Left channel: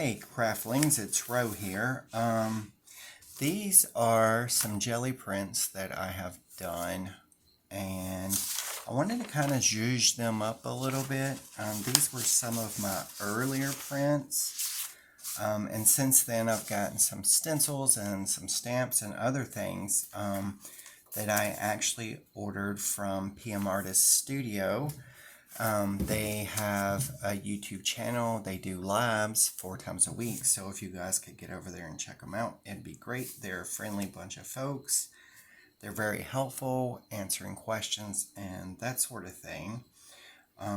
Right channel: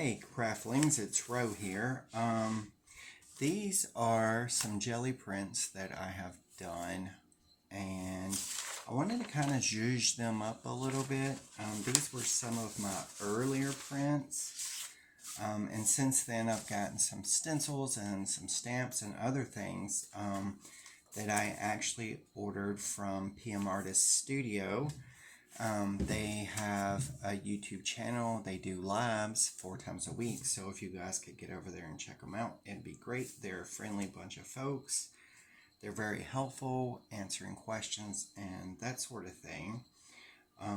Hey Craftlings, it's Ro here. These are some jelly prints that I have done, and I wanted to kind of zhuzh them up a little bit. These were some of my earlier prints, and since then I've gotten some stencils and some stamps and other things that I actually ordered from PM Artist Studio. They have a YouTube channel. They do lives 4 times a week. So if you guys could get over there and check them out, it'd be great. They're a friendly bunch of folks. They're very helpful, answering questions and that sort of thing.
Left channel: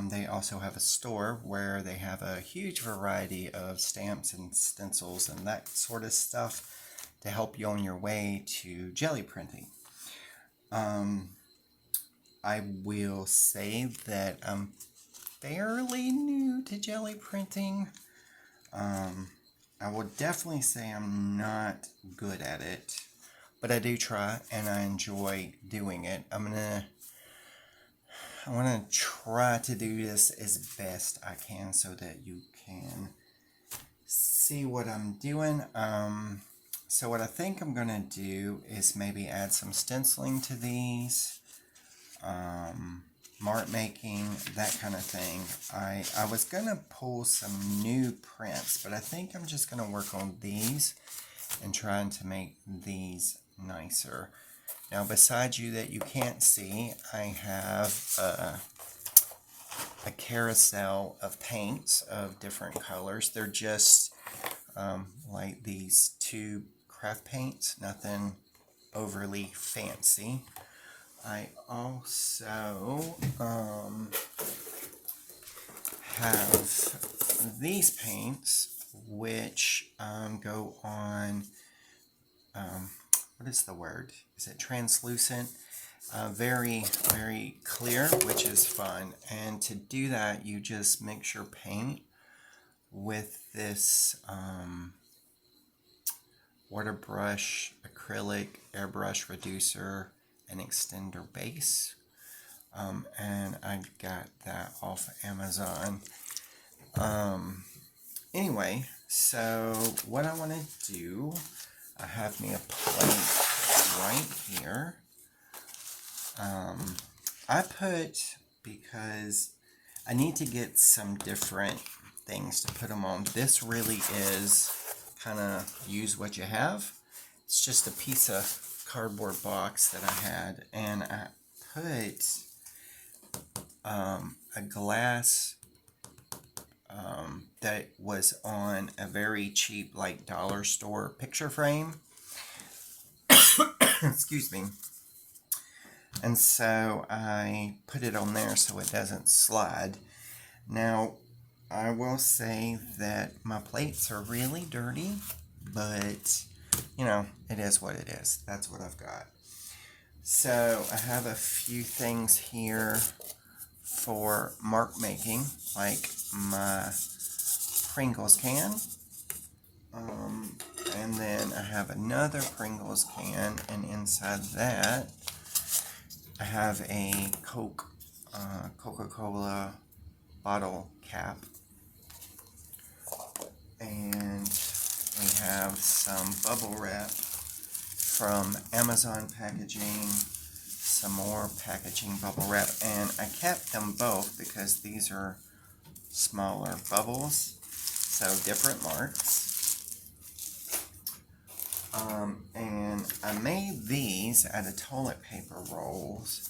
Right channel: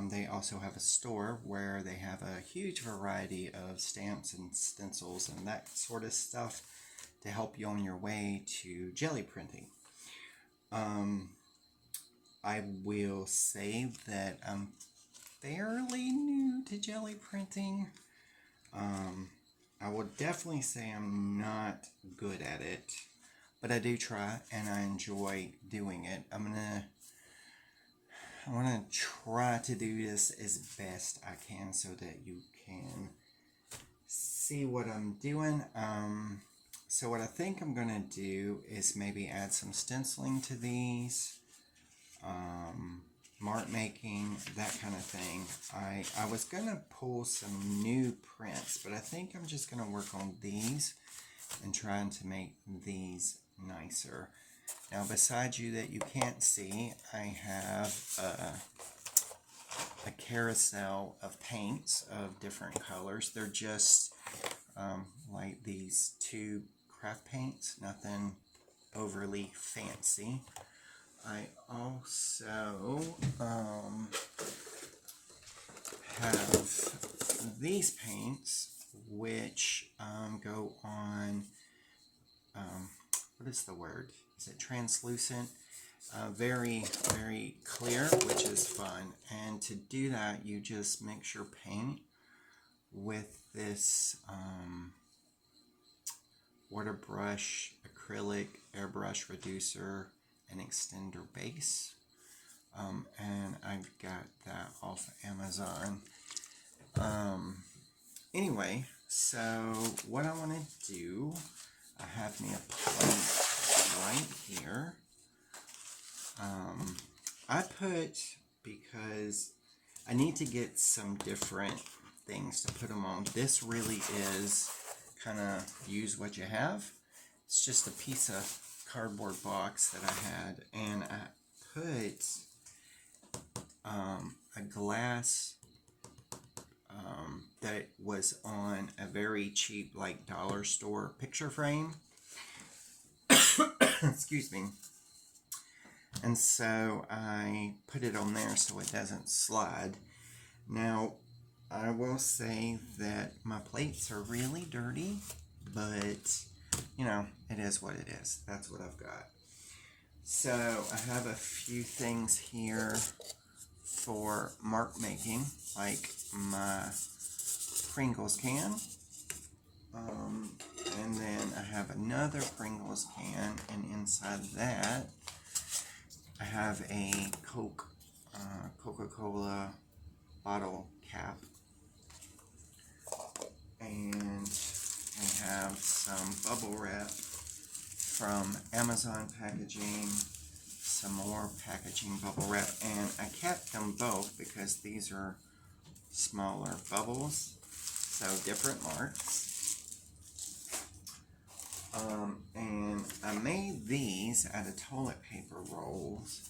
They also have a store where they have a huge variety of stamps and stencils and that sort of stuff to help you on your way to jelly printing. I will say that I'm fairly new to jelly printing. I would definitely say I'm not good at it, but I do try and I enjoy doing it. I want to try to do this as best I can so that you can see what I'm doing. So what I think I'm going to do is maybe add some stenciling to these. Mark making, that kind of thing. I was going to pull some new prints, but I think I'm just going to work on these and trying to make these nicer. Now, besides you that you can't see, I have a carousel of paints of different colors. They're just like these 2 craft paints, nothing overly fancy. I also have these paints, which go on, what is the word? Is it translucent? Very, very clear, which is fun. And to do that, you just mix your paint with this water brush, acrylic, airbrush reducer, an extender base, and I got that off Amazon. Anyway, so what I want to do, I have me a plate right here. Because I need to get some different things to put them on. This really is kind of use what you have. It's just a piece of cardboard box that I had, and I put a glass that was on a very cheap, like, dollar store picture frame. Excuse me. And so I put it on there so it doesn't slide. Now, I will say that my plates are really dirty, but you know, it is what it is. That's what I've got. So I have a few things here for mark making, like my Pringles can. And then I have another Pringles can, and inside that I have a Coca-Cola bottle cap. And we have some bubble wrap from Amazon packaging, some more packaging bubble wrap, and I kept them both because these are smaller bubbles, so different marks. And I made these out of toilet paper rolls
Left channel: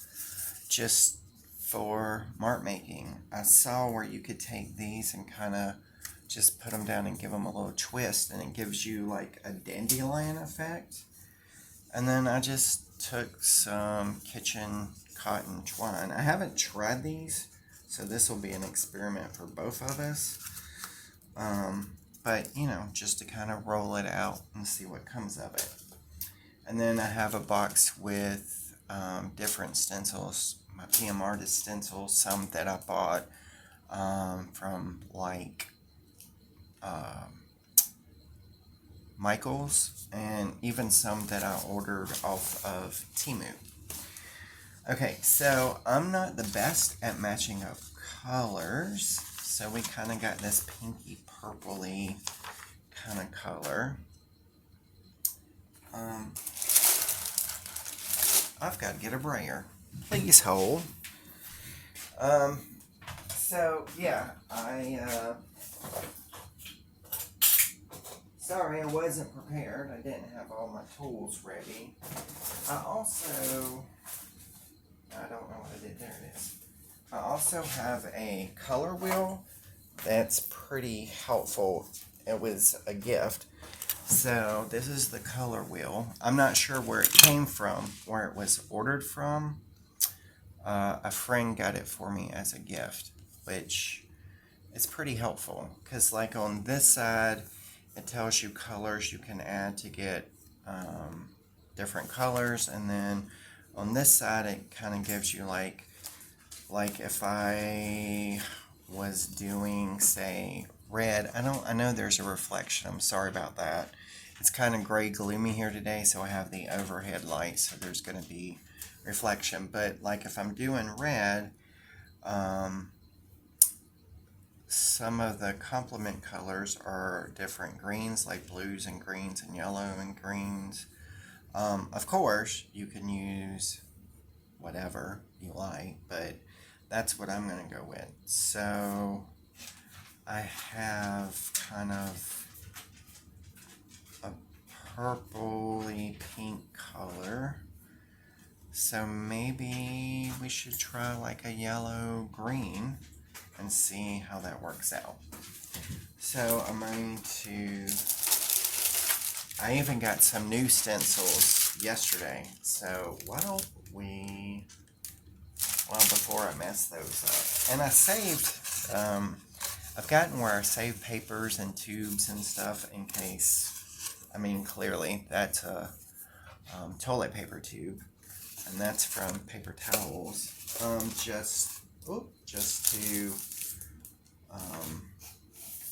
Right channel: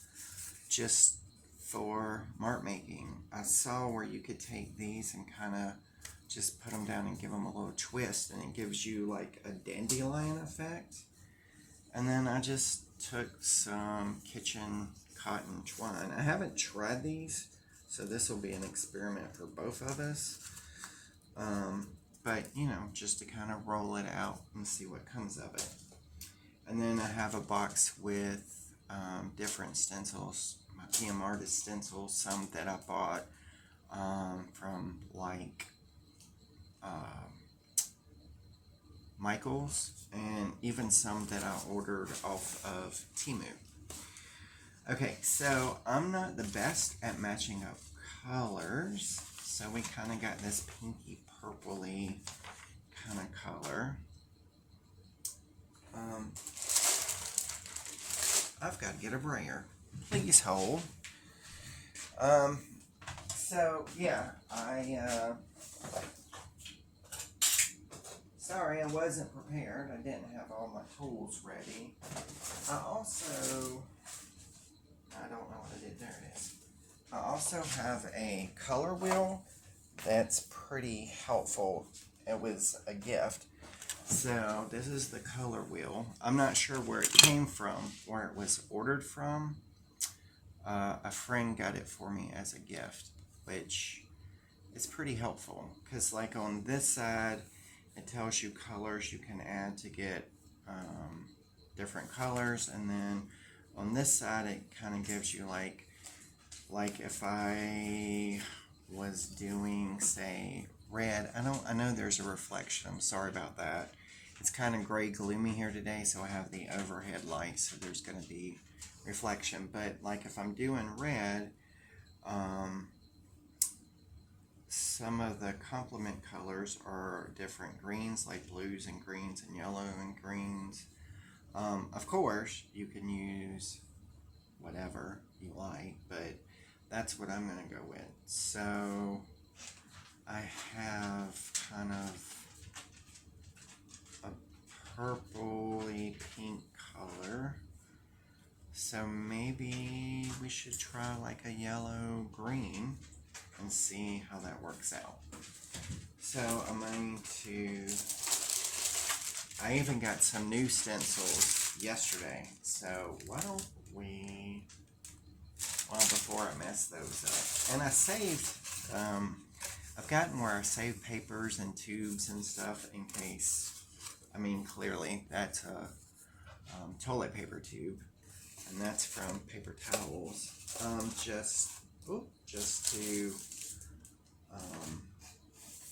just for mark making. I saw where you could take these and kind of just put them down and give them a little twist, and it gives you like a dandelion effect. And then I just took some kitchen cotton twine. I haven't tried these, so this will be an experiment for both of us. But you know, just to kind of roll it out and see what comes of it. And then I have a box with different stencils, my PM Artist stencils, some that I bought from like Michael's, and even some that I ordered off of Temu. Okay, so I'm not the best at matching up colors, so we kind of got this pinky purpley kind of color. I've got to get a brayer. Please hold. So yeah, sorry I wasn't prepared. I didn't have all my tools ready. I don't know what I did. There it is. I also have a color wheel that's pretty helpful. It was a gift. So this is the color wheel. I'm not sure where it came from, where it was ordered from. A friend got it for me as a gift, which is pretty helpful because like on this side it tells you colors you can add to get different colors, and then on this side it kind of gives you like if I was doing, say, red. I know there's a reflection. I'm sorry about that. It's kind of gray gloomy here today, so I have the overhead light, so there's going to be reflection. But like if I'm doing red, some of the complement colors are different greens, like blues and greens and yellow and greens. Of course, you can use whatever you like, but that's what I'm going to go with. So I have kind of a purpley pink color. So maybe we should try like a yellow green and see how that works out. So I'm going to, I even got some new stencils yesterday. So why don't we, well, before I mess those up. And I saved, I've gotten where I save papers and tubes and stuff in case, I mean, clearly that's a toilet paper tube. And that's from paper towels. Just to,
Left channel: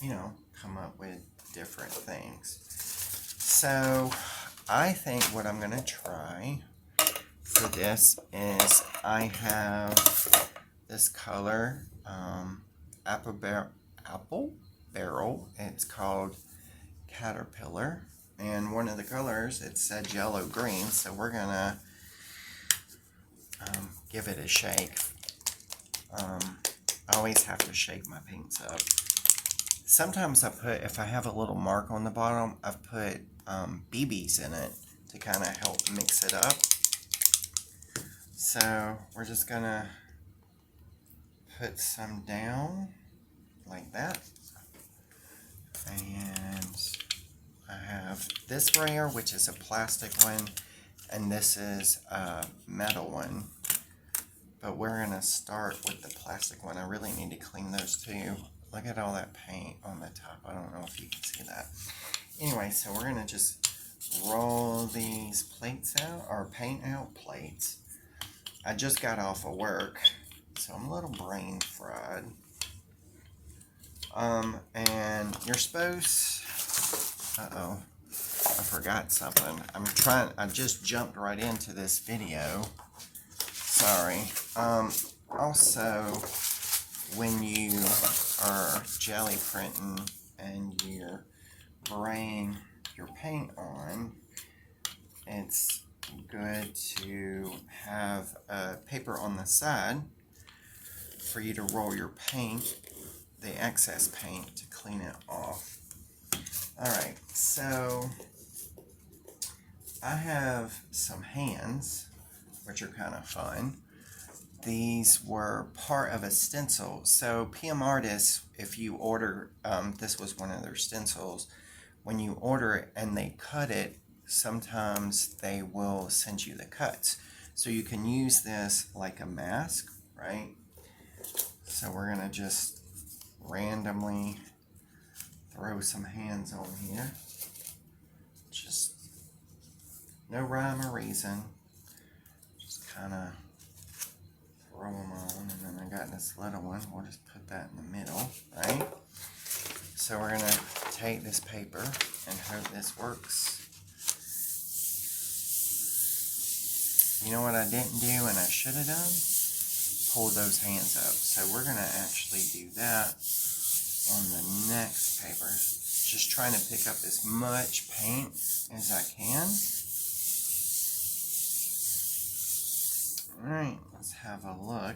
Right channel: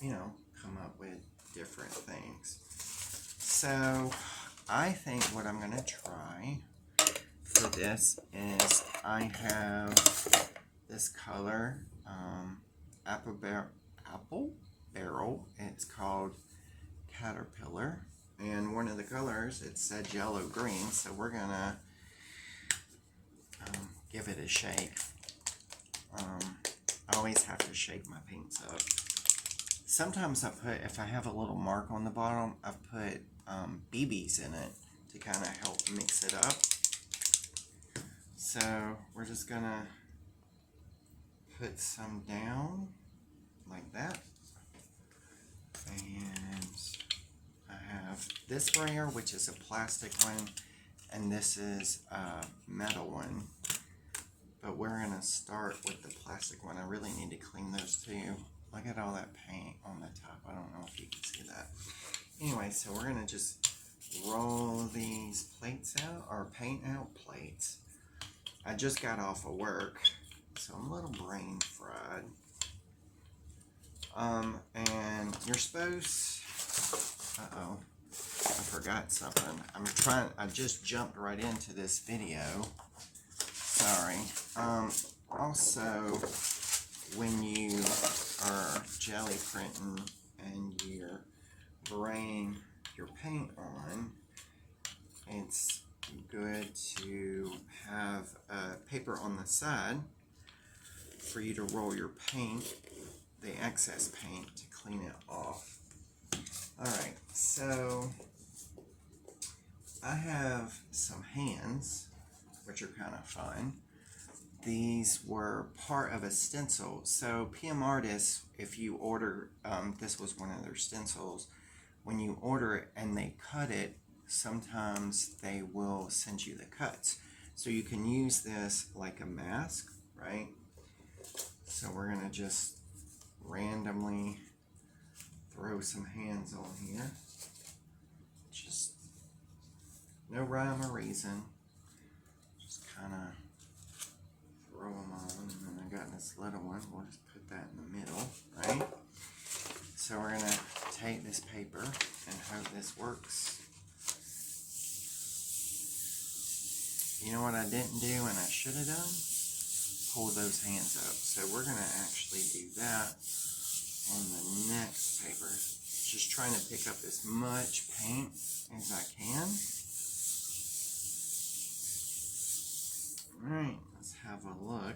you know, come up with different things. So I think what I'm going to try for this is I have this color, apple barrel. It's called Caterpillar. And one of the colors, it said yellow green. So we're going to give it a shake. I always have to shake my paints up. Sometimes I put, if I have a little mark on the bottom, I've put BBs in it to kind of help mix it up. So we're just gonna put some down like that. And I have this brayer, which is a plastic one, and this is a metal one. But we're going to start with the plastic one. I really need to clean those too. Look at all that paint on the top. I don't know if you can see that. Anyway, so we're going to just roll these plates out, or paint out plates. I just got off of work, so I'm a little brain fried. And you're supposed, uh-oh, I forgot something. I just jumped right into this video. Sorry. Also, when you are jelly printing and you're spraying your paint on, it's good to have a paper on the side for you to roll your paint, the excess paint, to clean it off. Alright, so I have some hands, which are kind of fun. These were part of a stencil. So PM Artists, if you order, this was one of their stencils, when you order it and they cut it, sometimes they will send you the cuts. So you can use this like a mask, right? So we're going to just randomly throw some hands on here. Just no rhyme or reason. Just kind of throw them on, and then I got this little one. We'll just put that in the middle, right? So we're going to take this paper and hope this works. You know what I didn't do and I should have done? Pull those hands up. So we're going to actually do that on the next paper. just trying to pick up as much paint as I can. Alright, let's have a look.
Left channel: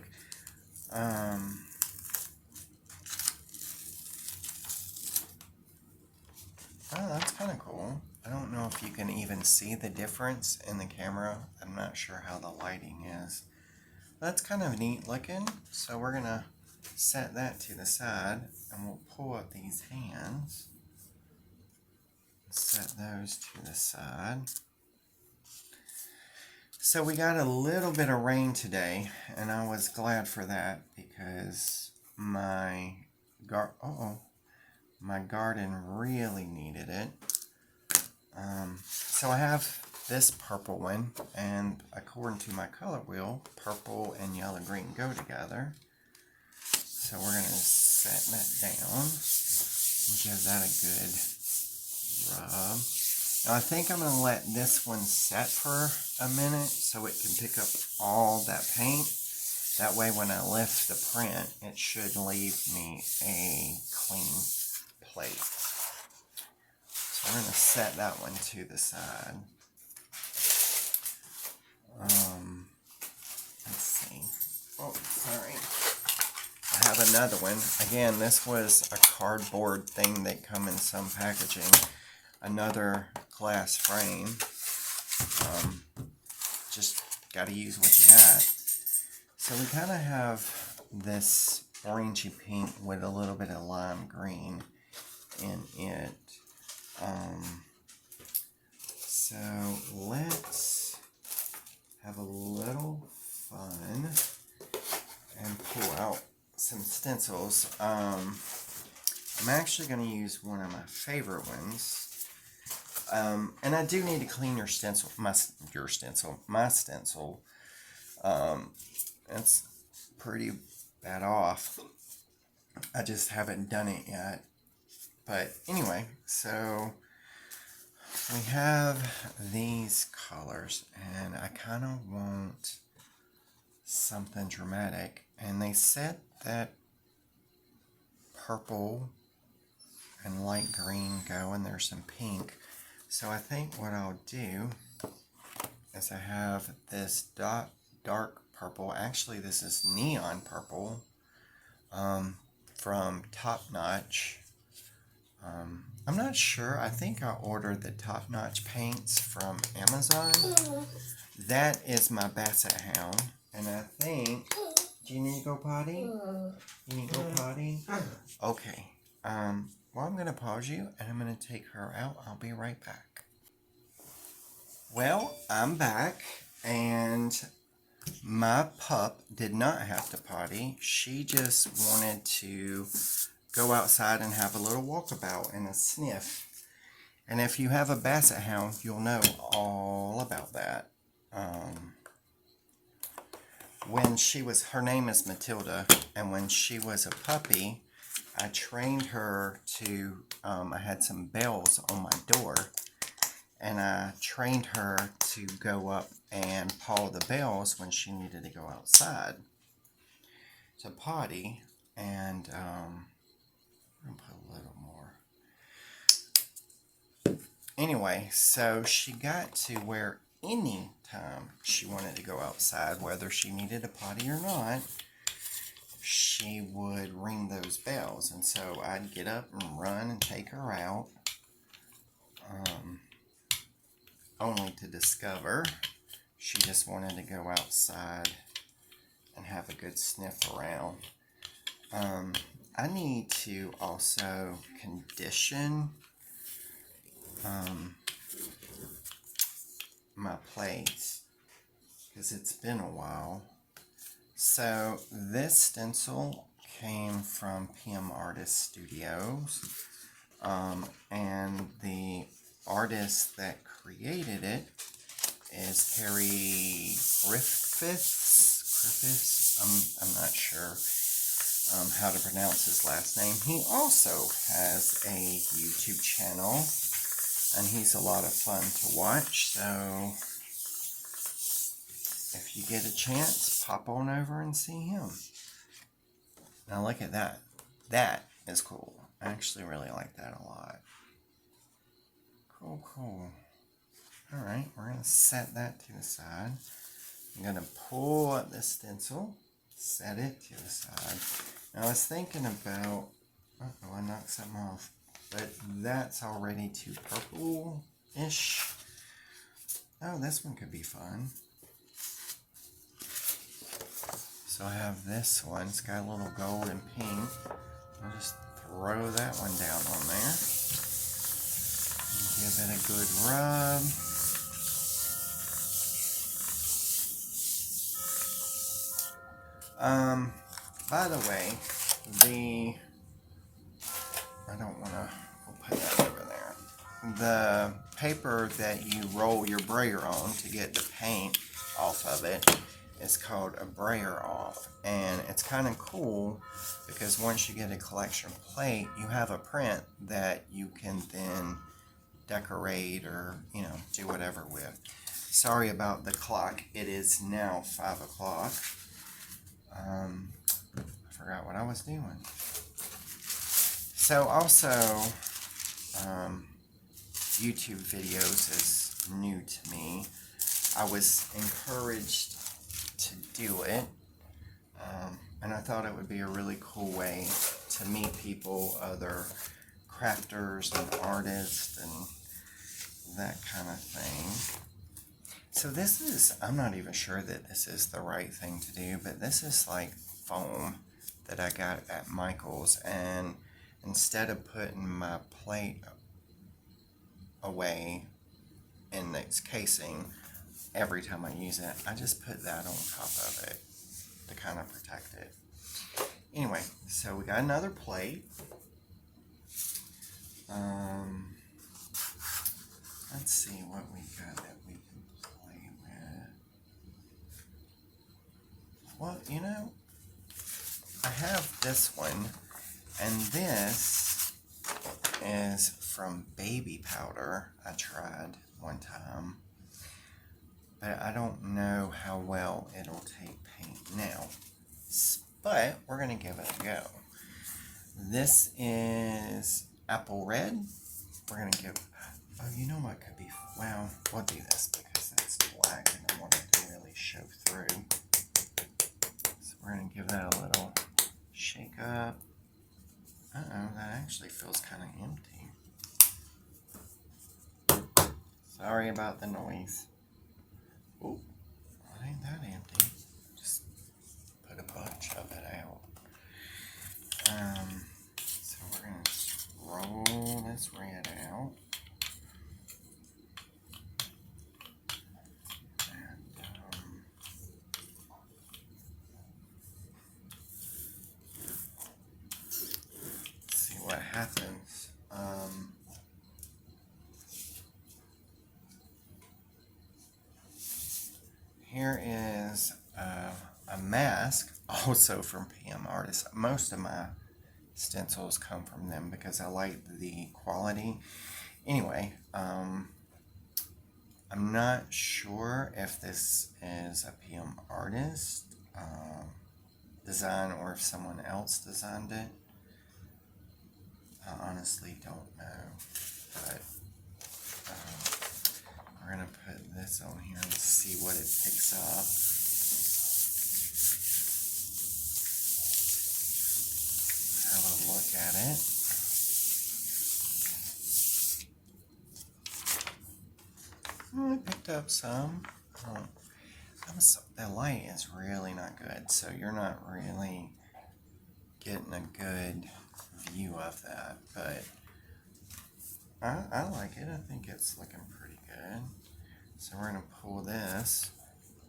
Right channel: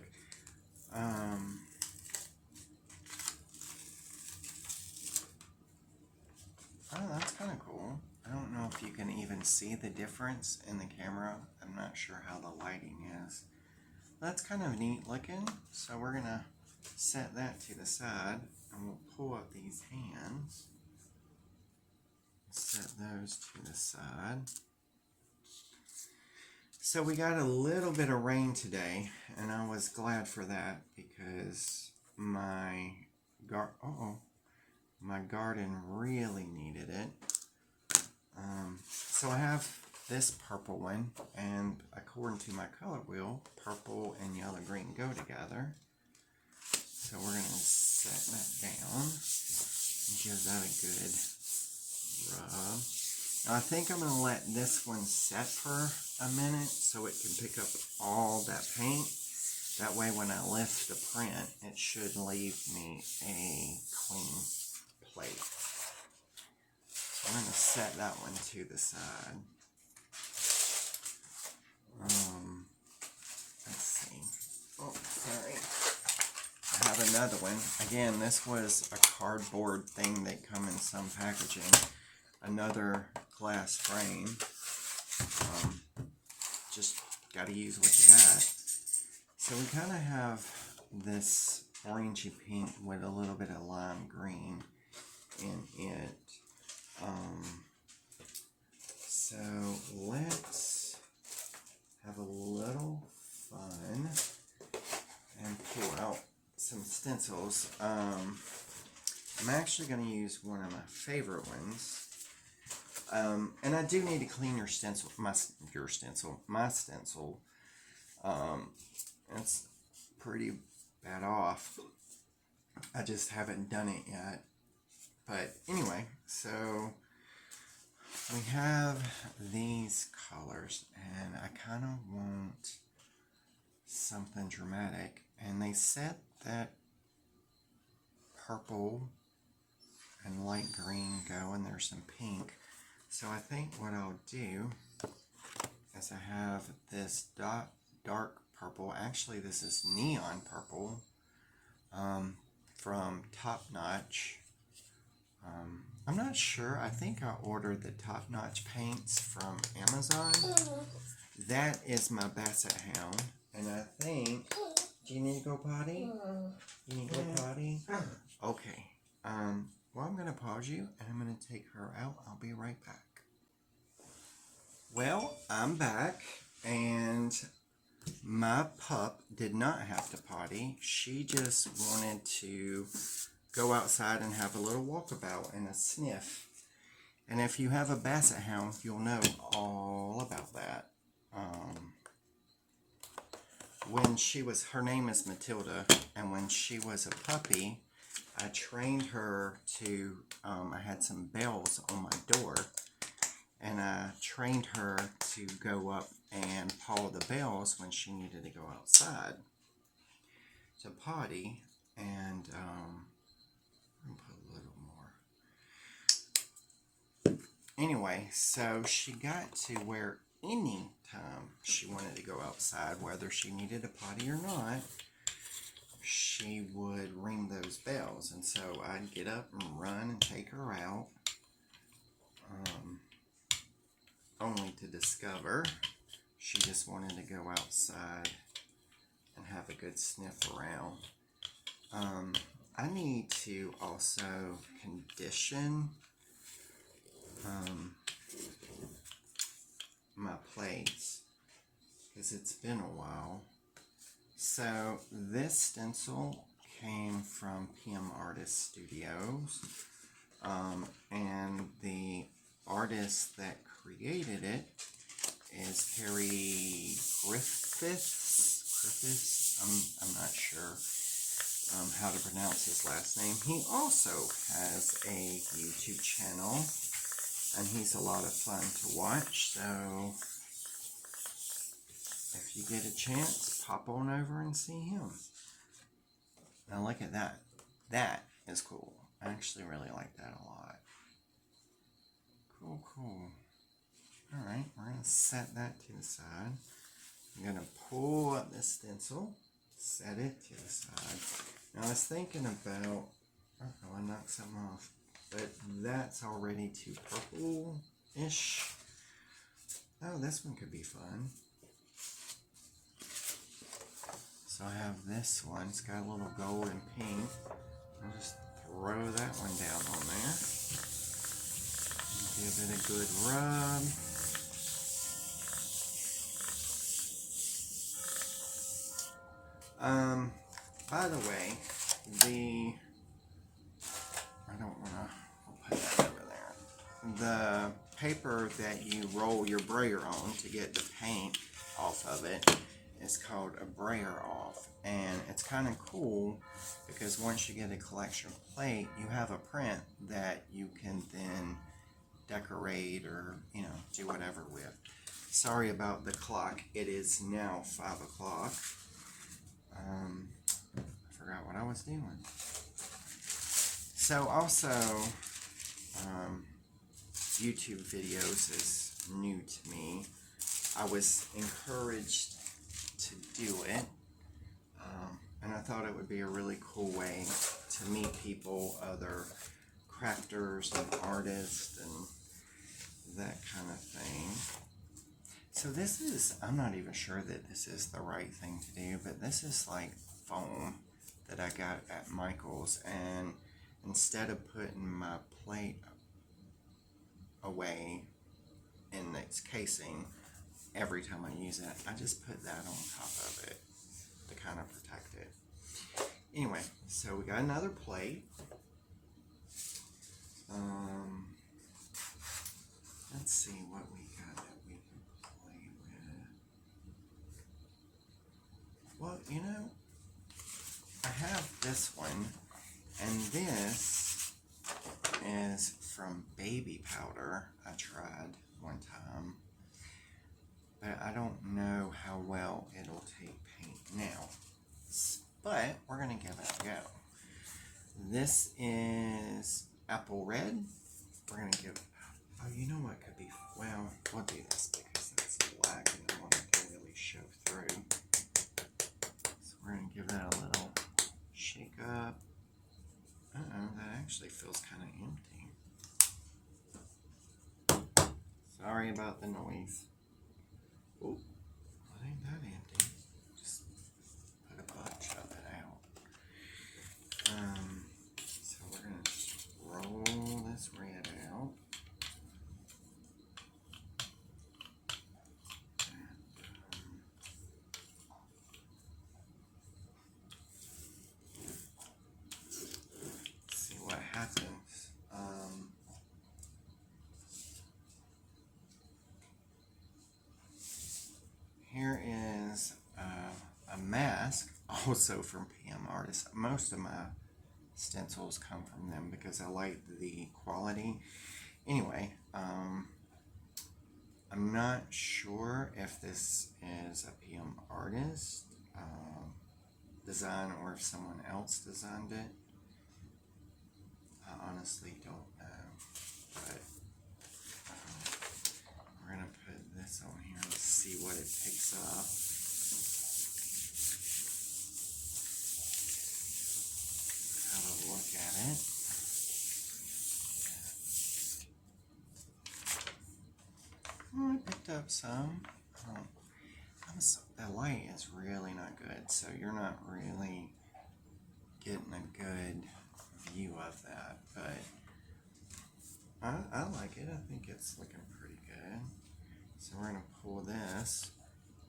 Oh, that's kind of cool. I don't know if you can even see the difference in the camera. I'm not sure how the lighting is. That's kind of neat looking. So we're going to set that to the side and we'll pull up these hands. Set those to the side. So we got a little bit of rain today and I was glad for that because my garden really needed it. So I have this purple one, and according to my color wheel, purple and yellow green go together. So we're going to set that down and give that a good rub. Now I think I'm going to let this one set for a minute so it can pick up all that paint. That way when I lift the print, it should leave me a clean plate. So I'm going to set that one to the side. Let's see. Oh, sorry. I have another one. Again, this was a cardboard thing that come in some packaging. Another glass frame. Just got to use what you got. So we kind of have this orangey pink with a little bit of lime green in it. So let's have a little fun and pull out some stencils. I'm actually going to use one of my favorite ones. And I do need to clean your stencil, my stencil. It's pretty bad off. I just haven't done it yet. But anyway, so we have these colors, and I kind of want something dramatic. And they said that purple and light green go, and there's some pink. So I think what I'll do is I have this dark purple. Actually, this is neon purple from Top Notch. I'm not sure. I think I ordered the Top Notch paints from Amazon. That is my Basset Hound. And I think... Do you need to go potty? You need to go potty? Okay. Well, I'm going to pause you, and I'm going to take her out. I'll be right back. Well, I'm back, and my pup did not have to potty. She just wanted to go outside and have a little walkabout and a sniff. And if you have a Basset Hound, you'll know all about that. Her name is Matilda, and when she was a puppy, I trained her to, I had some bells on my door, and I trained her to go up and paw the bells when she needed to go outside to potty. And I'm going to put a little more. Anyway, so she got to where any time she wanted to go outside, whether she needed a potty or not, she would ring those bells. And so I'd get up and run and take her out, only to discover she just wanted to go outside and have a good sniff around. I need to also condition my plates because it's been a while. So this stencil came from PM Artist Studios, and the artist that created it is Terry Griffiths. I'm not sure how to pronounce his last name. He also has a YouTube channel, and he's a lot of fun to watch. So if you get a chance, pop on over and see him. Now look at that. That is cool. I actually really like that a lot. Cool, cool. All right, we're going to set that to the side. I'm going to pull up the stencil, set it to the side. Now I was thinking about, uh-oh, I knocked something off, but that's already too purple-ish. Oh, this one could be fun. So I have this one, it's got a little gold and pink. I'll just throw that one down on there. Give it a good rub. By the way, I don't want to, I'll put that over there. The paper that you roll your brayer on to get the paint off of it is called a brayer off. And it's kind of cool because once you get a collection plate, you have a print that you can then decorate or, do whatever with. Sorry about the clock. It is now 5 o'clock. I forgot what I was doing. So also, YouTube videos is new to me. I was encouraged to do it, and I thought it would be a really cool way to meet people, other crafters and artists and that kind of thing. So this is, I'm not even sure that this is the right thing to do, but this is like foam that I got at Michael's, and instead of putting my plate away in its casing every time I use it, I just put that on top of it to kind of protect it. Anyway, so we got another plate. Let's see what we got that we can play with. Well, I have this one, and this is from baby powder I tried one time, but I don't know how well it'll take paint now, but we're going to give it a go. This is apple red. We're going to give, oh, you know what could be, well, we'll do this because it's black and I want it to really show through. So we're going to give that a little shake up. Uh-oh, that actually feels kind of empty. Sorry about the noise. Oh, it ain't that empty. Just put a bunch of it out. So we're going to roll this red out. See what happens. Here is a mask, also from PM Artists. Most of my stencils come from them because I like the quality. Anyway, I'm not sure if this is a PM Artist design or if someone else designed it. I honestly don't know, but we're going to put this on here and see what it picks up. Have a look at it. Oh, it picked up some. The light is really not good, so you're not really getting a good view of that, but I like it. I think it's looking pretty good. So we're going to pull this,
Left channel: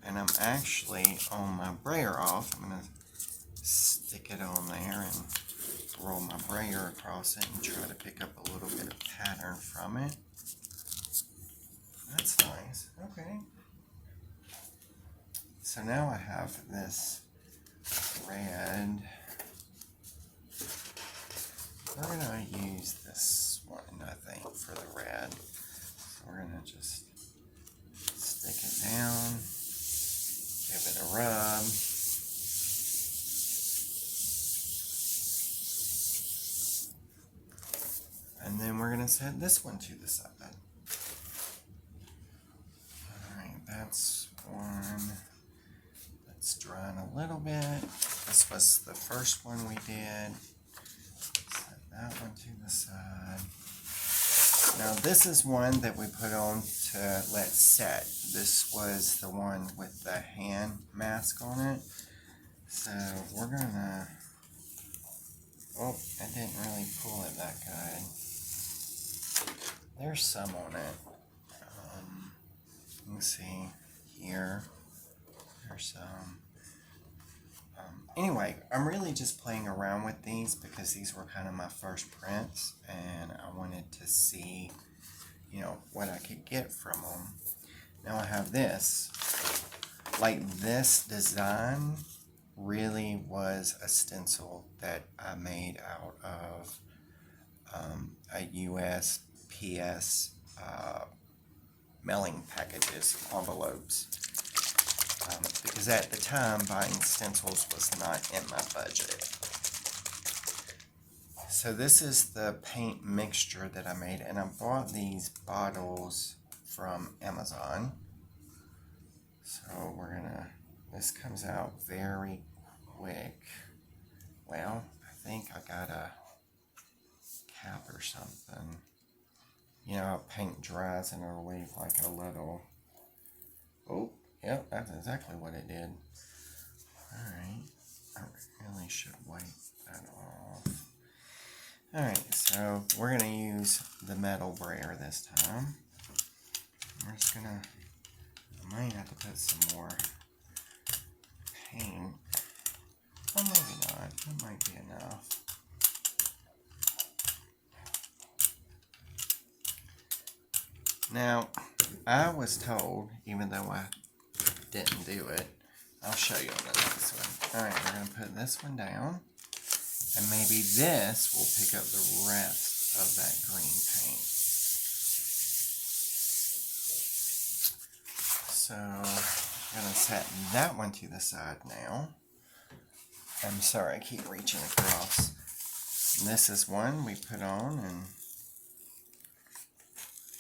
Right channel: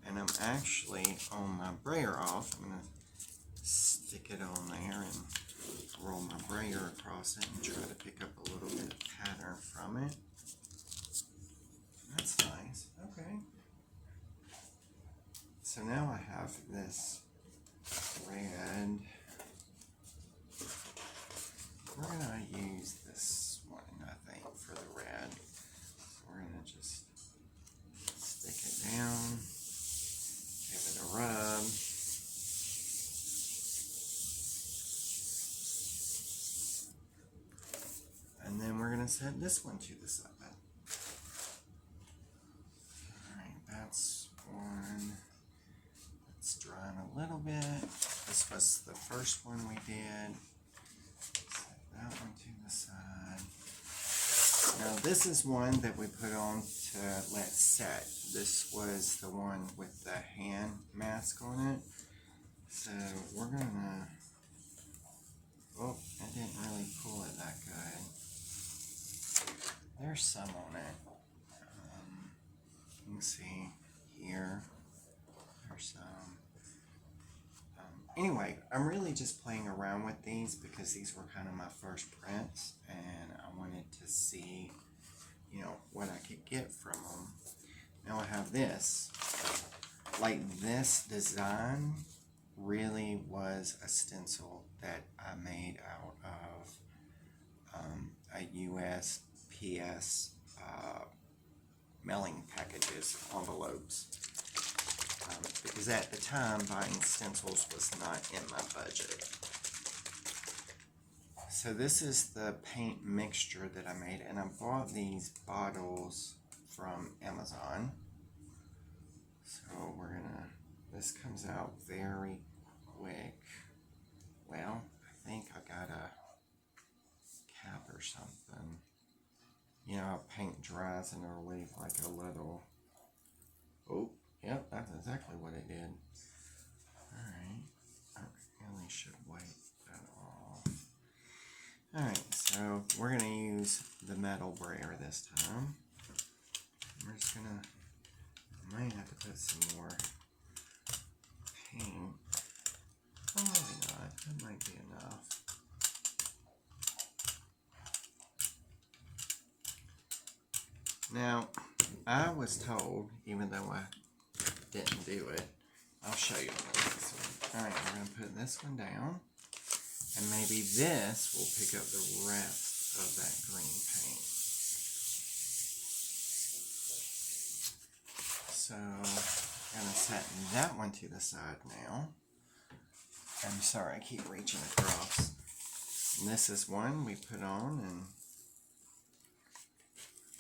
and I'm actually on my brayer off. I'm going to stick it on there and roll my brayer across it and try to pick up a little bit of pattern from it. That's nice. Okay. So now I have this red. We're going to use this one, I think, for the red. So we're going to just stick it down, give it a rub. And then we're going to set this one to the side. bit. This was the first one we did. Set that one to the side. Now this is one that we put on to let set. This was the one with the hand mask on it. So we're gonna, oh, I didn't really pull it that good. There's some on it. You can see here, there's some. Anyway, I'm really just playing around with these because these were kind of my first prints and I wanted to see, you know, what I could get from them. Now I have this. Like this design really was a stencil that I made out of a USPS mailing packages, envelopes. Because at the time, buying stencils was not in my budget. So this is the paint mixture that I made, and I bought these bottles from Amazon. So we're gonna, this comes out very quick. Well, I think I got a cap or something. You know how paint dries and it'll leave like a little, oh, yep, that's exactly what it did. Alright, I really should wipe that off. Alright, so we're going to use the metal brayer this time. We're just going to, I might have to put some more paint. Or maybe not, it might be enough. Now, I was told, even though I didn't do it, I'll show you on the next one. Alright, we're going to put this one down, and maybe this will pick up the rest of that green paint. So, I'm going to set that one to the side now. I'm sorry, I keep reaching across. And this is one we put on, and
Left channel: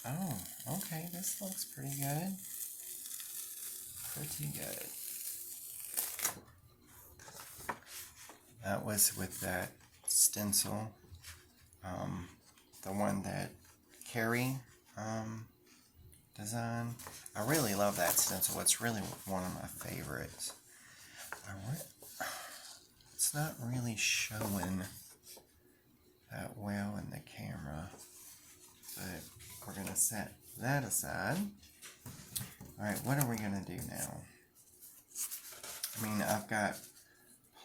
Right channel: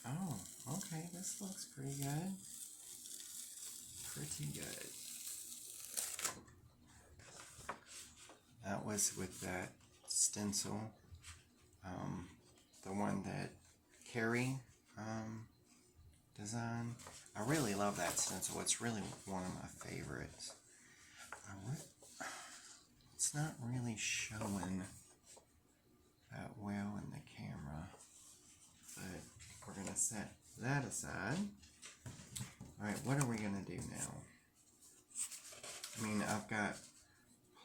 oh, okay, this looks pretty good. Pretty good. That was with that stencil, the one that Carrie designed. I really love that stencil. It's really one of my favorites. It's not really showing that well in the camera, but we're going to set that aside. Alright, what are we going to do now? I mean, I've got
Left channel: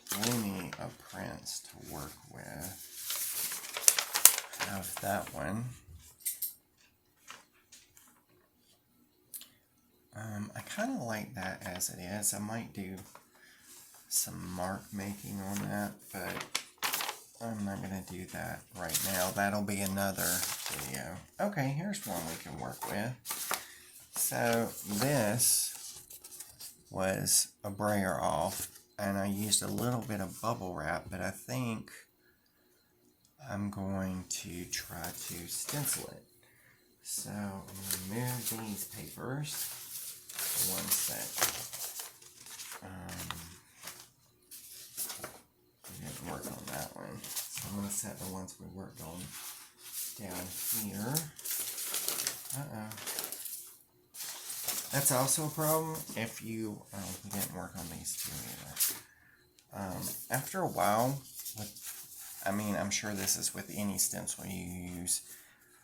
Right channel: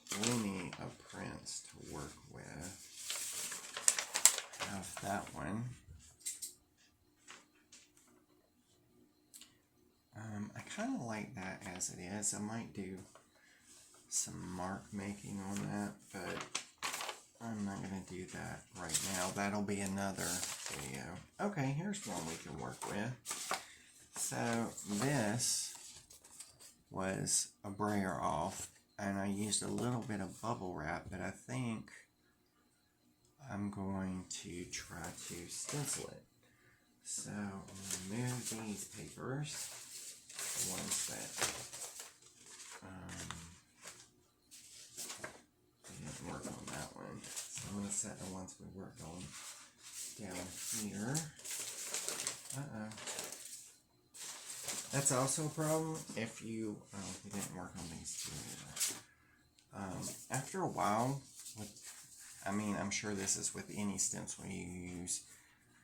plenty of prints to work with. I have that one. I kind of like that as it is. I might do some mark making on that, but I'm not going to do that right now. That'll be another video. Okay, here's one we can work with. So this was a brayer off, and I used a little bit of bubble wrap, but I think I'm going to try to stencil it. So I'm going to move these papers, the ones that we didn't work on that one. So I'm going to set the ones we worked on down here. Uh-oh. That's also a problem if you, we didn't work on these two either. After a while, I mean, I'm sure this is with any stencil you use,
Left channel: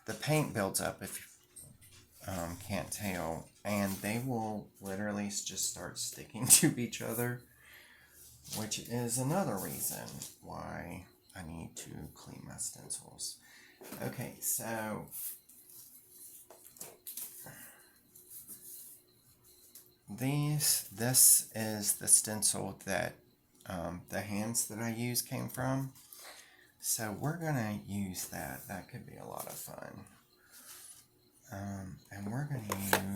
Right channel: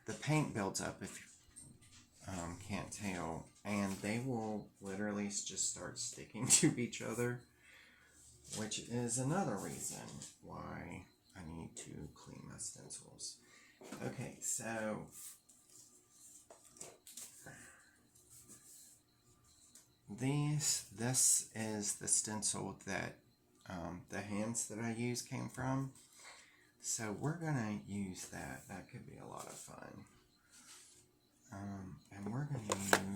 the paint builds up if you can't tell, and they will literally just start sticking to each other, which is another reason why I need to clean my stencils. Okay, so this is the stencil that the hands that I use came from. So we're gonna use that. That could be a lot of fun. And we're gonna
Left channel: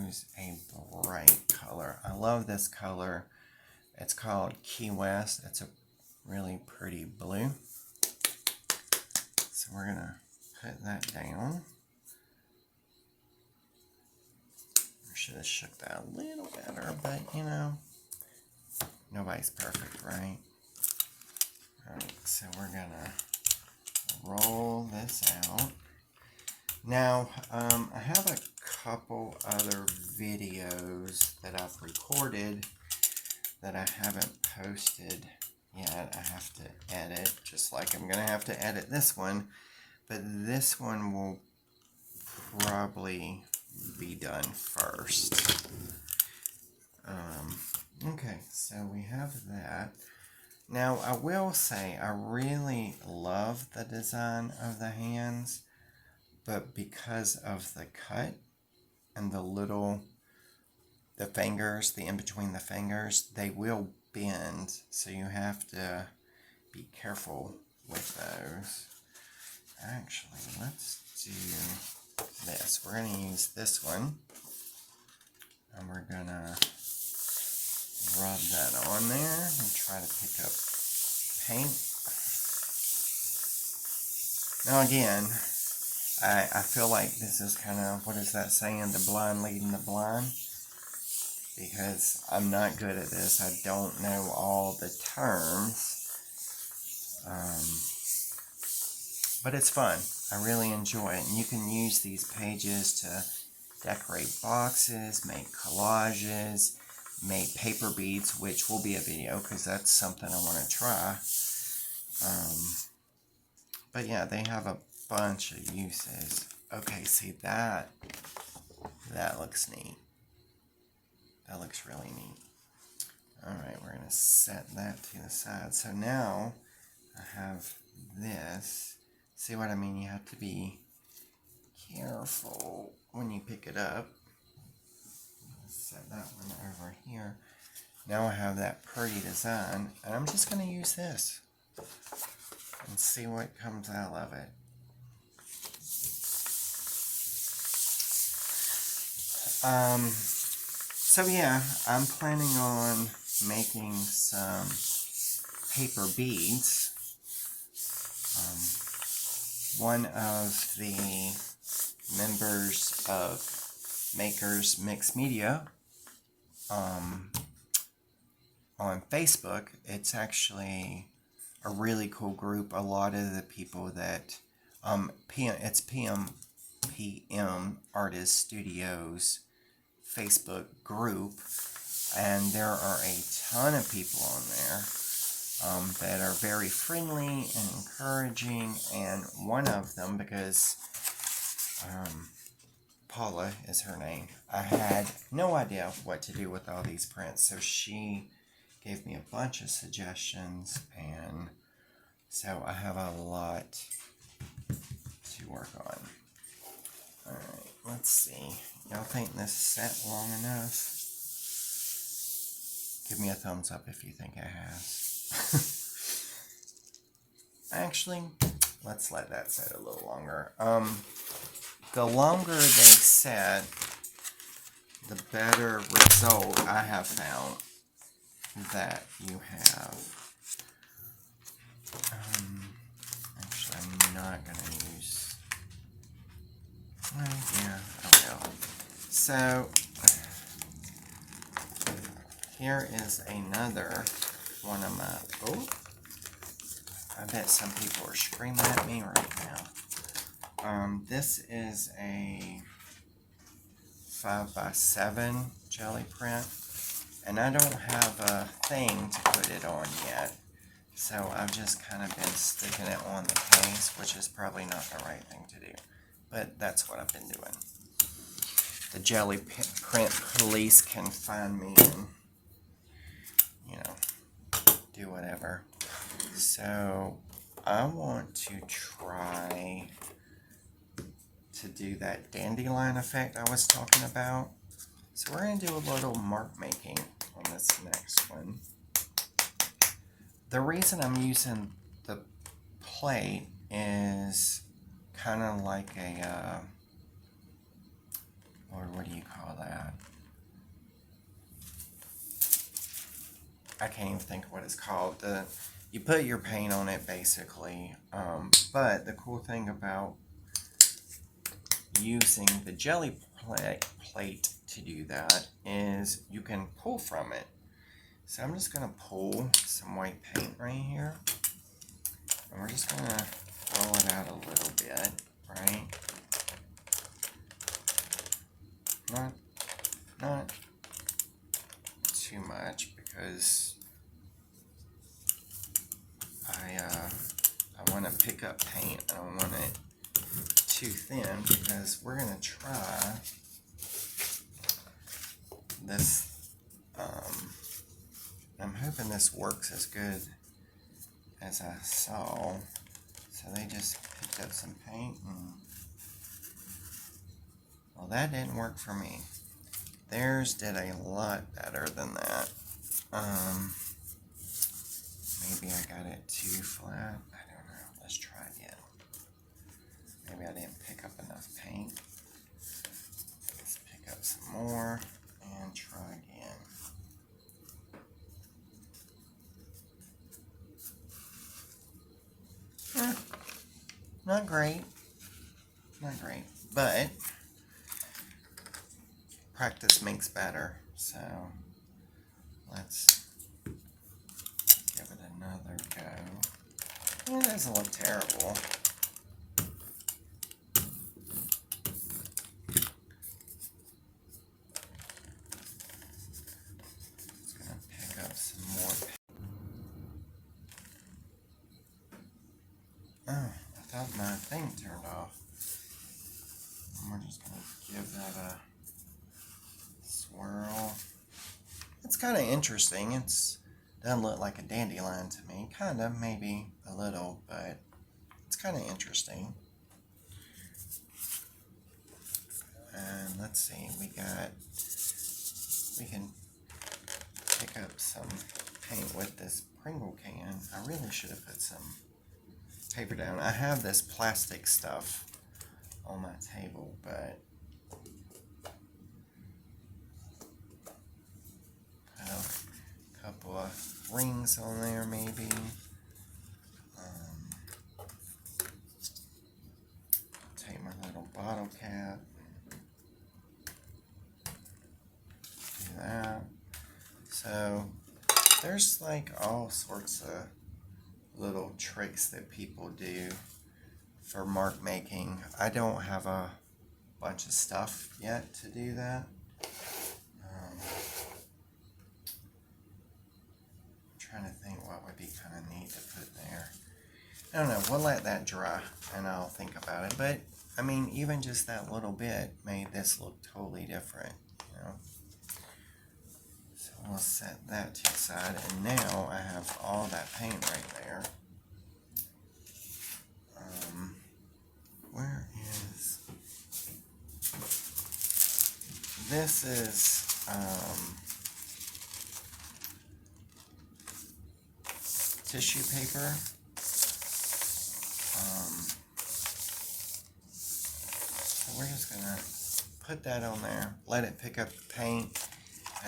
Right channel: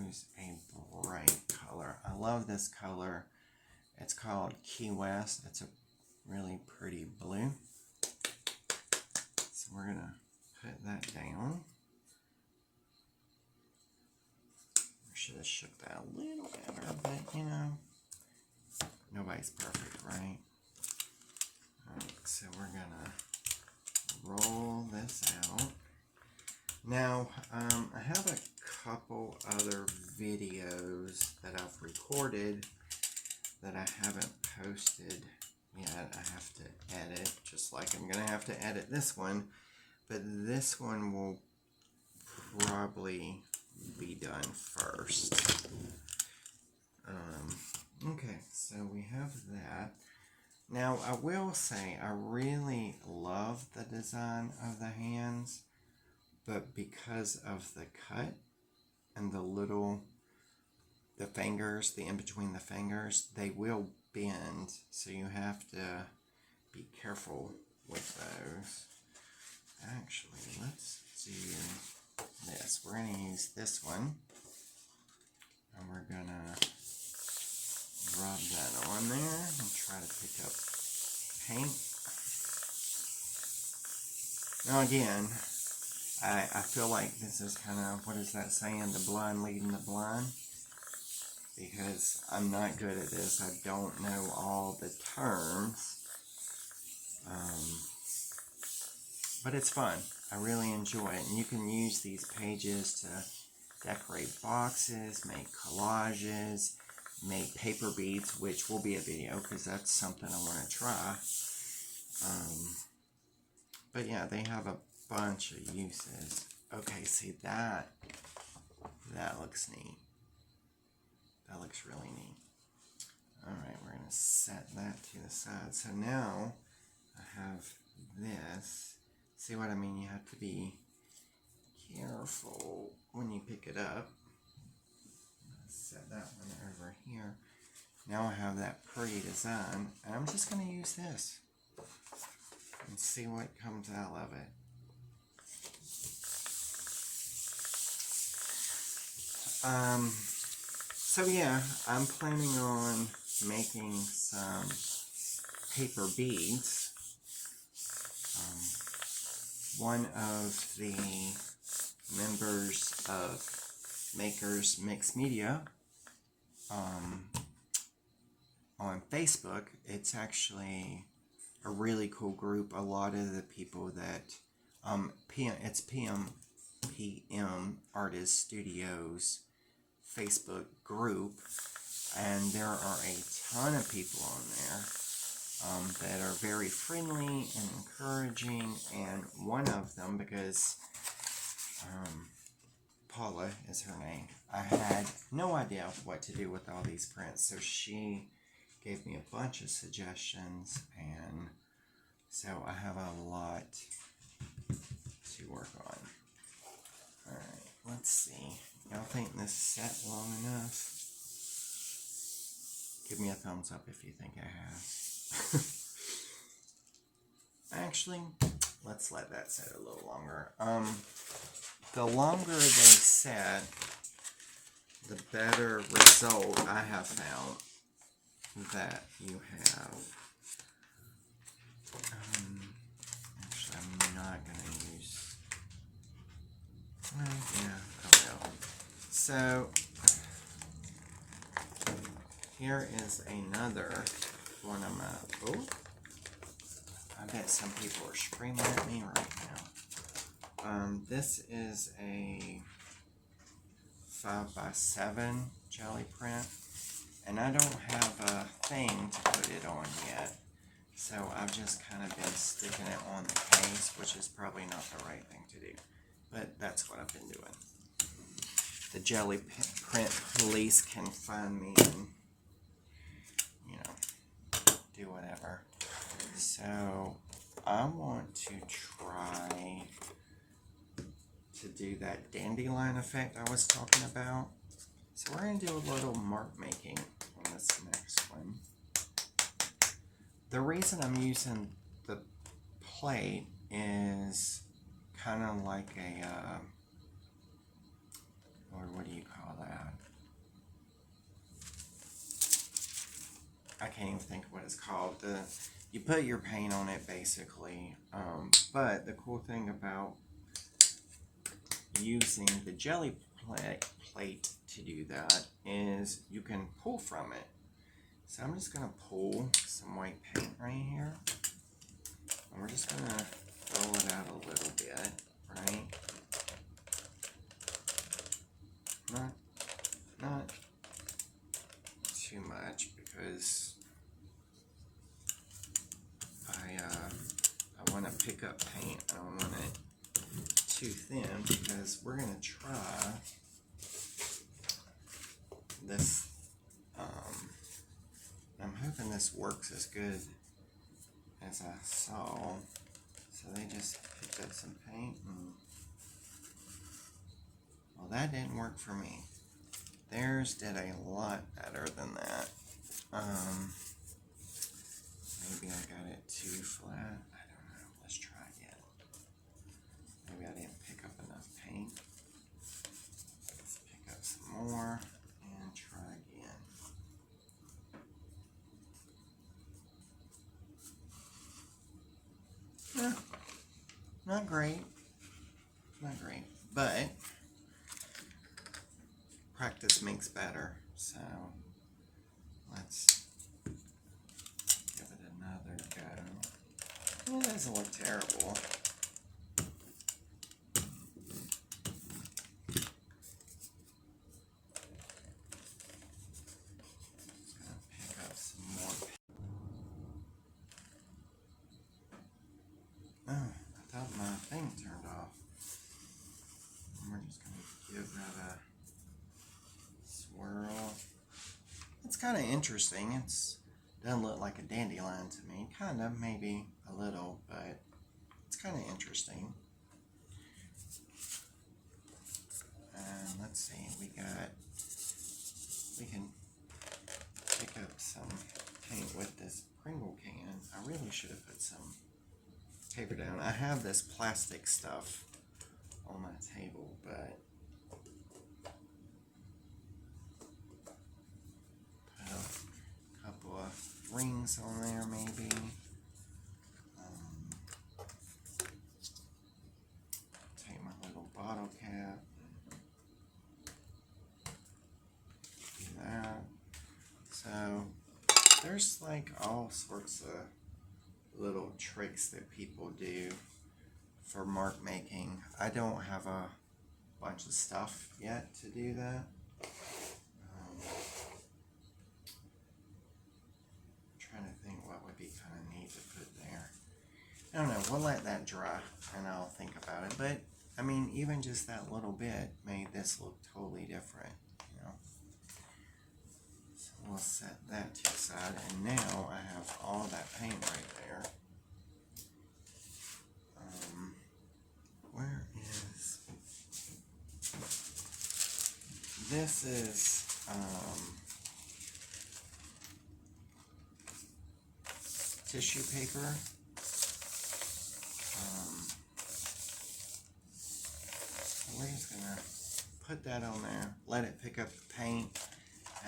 use a bright color. I love this color. It's called Key West. It's a really pretty blue. So we're gonna put that down. I should have shook that a little better, but you know, Nobody's perfect, right? Alright, so we're gonna roll this out. Now, I have a couple other videos that I've recorded that I haven't posted yet. I have to edit, just like I'm gonna have to edit this one, but this one will probably be done first. Okay, so we have that. Now, I will say I really love the design of the hands, but because of the cut and the fingers, the in between the fingers, they will bend, so you have to be careful with those. Actually, let's do this. We're going to use this one, and we're going to rub that on there and try to pick up paint. Now again, I feel like this is kind of, what is that saying, the blind leading the blind? Because I'm not good at this. I don't know all the terms. But it's fun. I really enjoy it. And you can use these pages to decorate boxes, make collages, make paper beads, which will be a video because that's something I want to try. But yeah, they have a bunch of uses. Okay, see that looks neat. That looks really neat. Alright, we're going to set that to the side. So now I have this. See what I mean? You have to be careful when you pick it up. Set that one over here. Now I have that pretty design, and I'm just going to use this and see what comes out of it. So yeah, I'm planning on making some paper beads. One of the members of Makers Mix Media on Facebook, it's actually a really cool group. A lot of the people that it's PM Artist Studios Facebook group, and there are a ton of people on there that are very friendly and encouraging, and one of them, because Paula is her name, I had no idea what to do with all these prints, so she gave me a bunch of suggestions, and so I have a lot to work on. Alright, let's see. Y'all think this set long enough? Give me a thumbs up if you think it has. Actually, let's let that set a little longer. The longer they set, the better result I have found that you have. Actually, I'm not going to use... yeah, oh well. So, here is another one of my... Oh! I bet some people are screaming at me right now. This is a 5x7 jelly print, and I don't have a thing to put it on yet, so I've just kind of been sticking it on the case, which is probably not the right thing to do, but that's what I've been doing. The jelly print police can find me and, you know, do whatever. So I want to try to do that dandelion effect I was talking about. So we're going to do a little mark making on this next one. The reason I'm using the plate is kind of like a, or what do you call that? I can't even think of what it's called. You put your paint on it basically, but the cool thing about using the jelly plate to do that is you can pull from it. So I'm just going to pull some white paint right here. And we're just going to roll it out a little bit, right? Not too much, because I want to pick up paint. I don't want it too thin, because we're going to try this. I'm hoping this works as good as I saw. So they just picked up some paint, and well, that didn't work for me. Theirs did a lot better than that. Maybe I got it too flat. I don't know. Let's try again. Maybe I didn't pick up enough paint. Let's pick up some more and try again. Not great. Not great. But practice makes better. So let's give it another go. It doesn't look terrible. Just gonna pick up some more paint. Oh, I thought my thing turned off. And we're just gonna give that a swirl. It's kind of interesting. It's doesn't look like a dandelion to me. Kind of, maybe a little, but it's kind of interesting. And let's see, we can pick up some paint with this Pringle can. I really should have put some paper down. I have this plastic stuff on my table, but put a couple of rings on there maybe. Take my little bottle cap. Do that. So there's like all sorts of little tricks that people do for mark making. I don't have a bunch of stuff yet to do that. Trying to think what would be kind of neat to put there. I don't know, we'll let that dry and I'll think about it. But I mean, even just that little bit made this look totally different, you know. So we'll set that to the side, and now I have all that paint right there. Where is this? Is tissue paper. So we're just gonna put that on there, let it pick up the paint,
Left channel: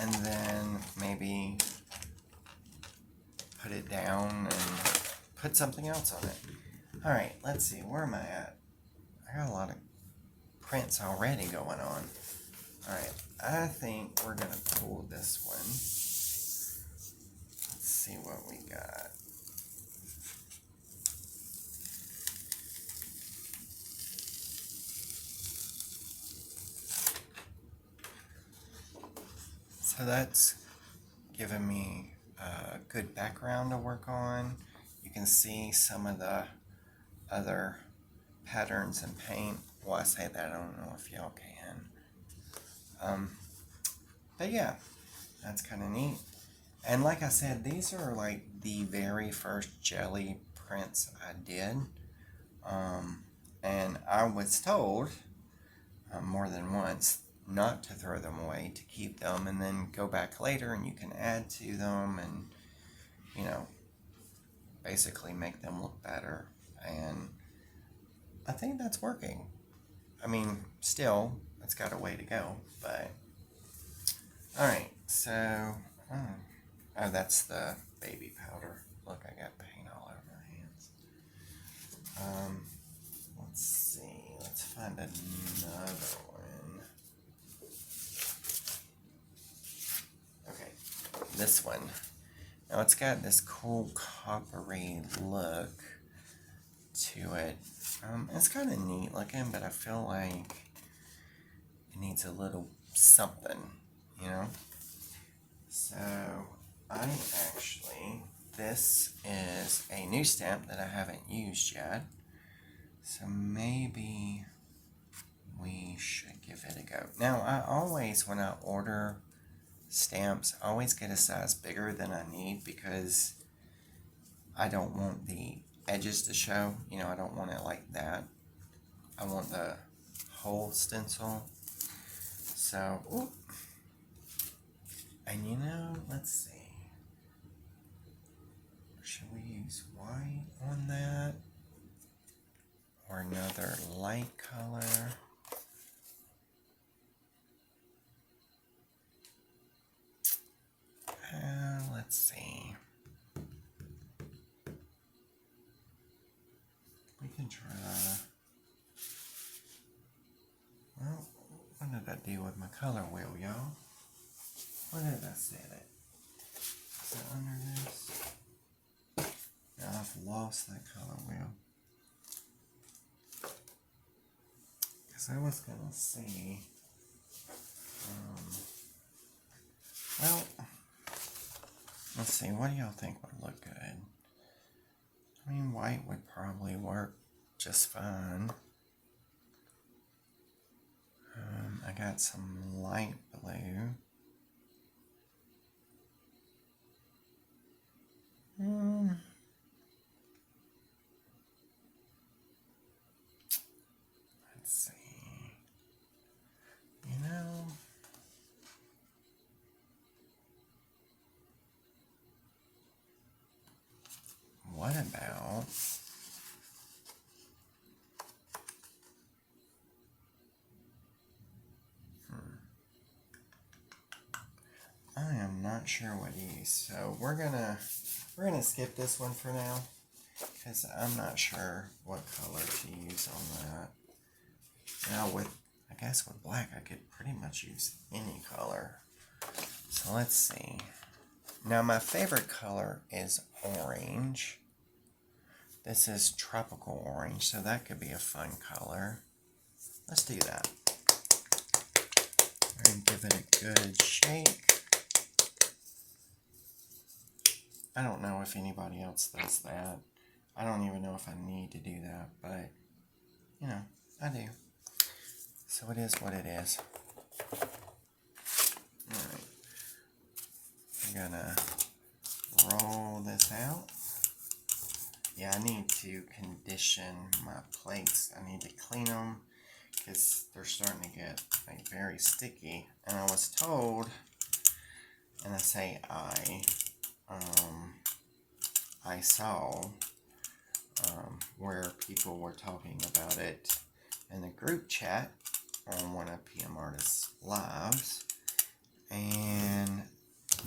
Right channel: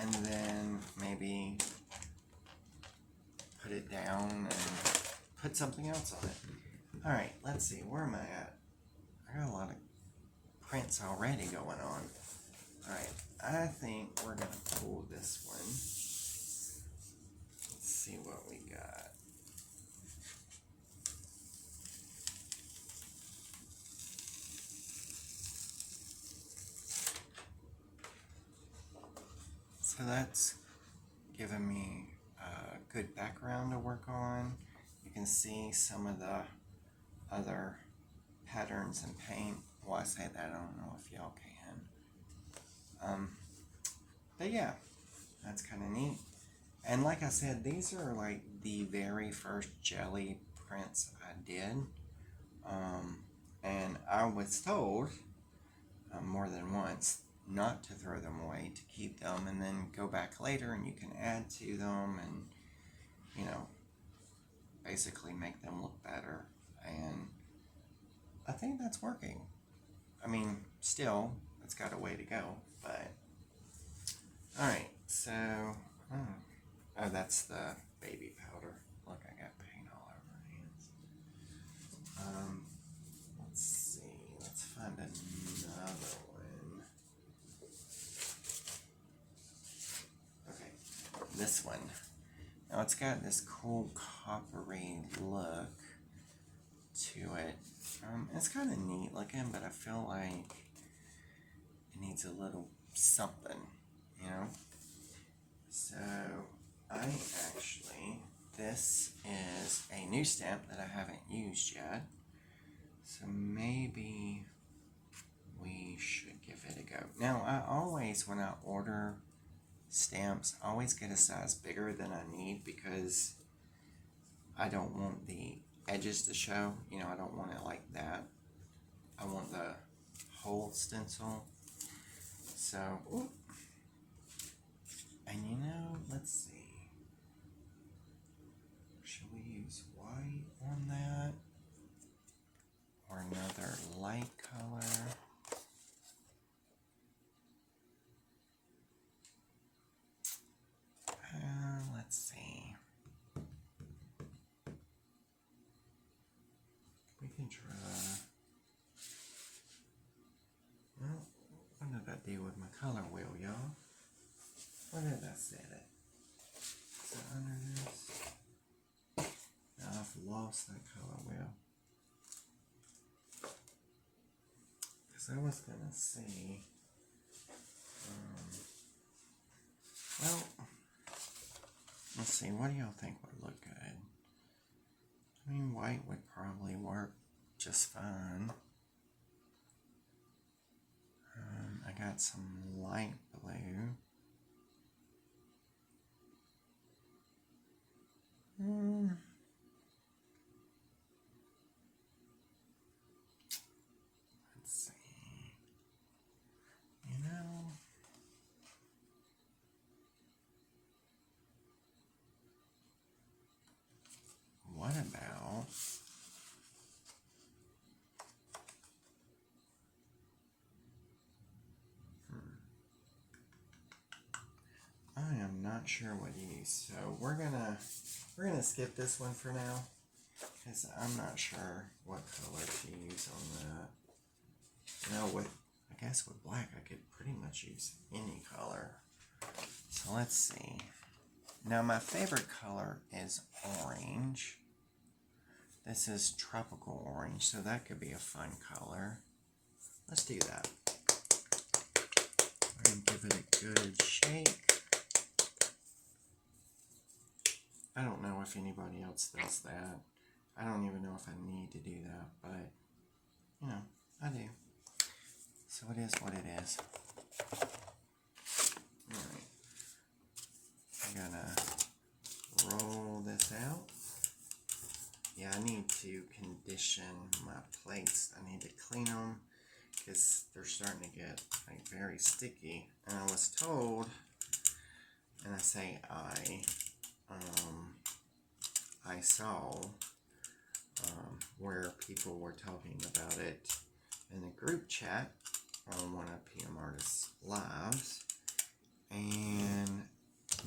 and then maybe put it down and put something else on it. Alright, let's see, where am I at? I got a lot of prints already going on. Alright, I think we're gonna pull this one. Let's see what we got. So that's giving me a good background to work on. You can see some of the other patterns and paint. Well, I say that, I don't know if y'all can. But yeah, that's kind of neat. And like I said, these are like the very first Gelli prints I did. And I was told more than once not to throw them away, to keep them and then go back later and you can add to them and, you know, basically make them look better. And I think that's working. I mean, still, it's got a way to go, but alright, so oh, that's the baby powder. Look, I got paint all over my hands. Let's see, let's find another one. Okay, this one. Now it's got this cool coppery look to it. It's kind of neat looking, but I feel like it needs a little something, you know? So this is a new stamp that I haven't used yet. So maybe we should give it a go. Now, I always, when I order stamps, I always get a size bigger than I need because I don't want the edges to show. You know, I don't want it like that. I want the whole stencil. So, ooh. And you know, let's see. Should we use white on that? Or another light color? Let's see. We can try. Well, what did I do with my color wheel, y'all? Where did I set it? Is it under this? Now I've lost that color wheel. Because I was going to see. Well, let's see. What do y'all think would look good? I mean, white would probably work just fine. I got some light blue. Let's see. You know, what about I am not sure what to use, so we're gonna skip this one for now because I'm not sure what color to use on that. Now I guess with black I could pretty much use any color. So let's see. Now my favorite color is orange. This is tropical orange, so that could be a fun color. Let's do that. And give it a good shake. I don't know if anybody else does that. I don't even know if I need to do that, but, you know, I do. So it is what it is. Alright. I'm gonna roll this out. Yeah, I need to condition my plates. I need to clean them because they're starting to get like very sticky. And I was told, and I say I saw where people were talking about it in the group chat on one of PM Artists' lives, and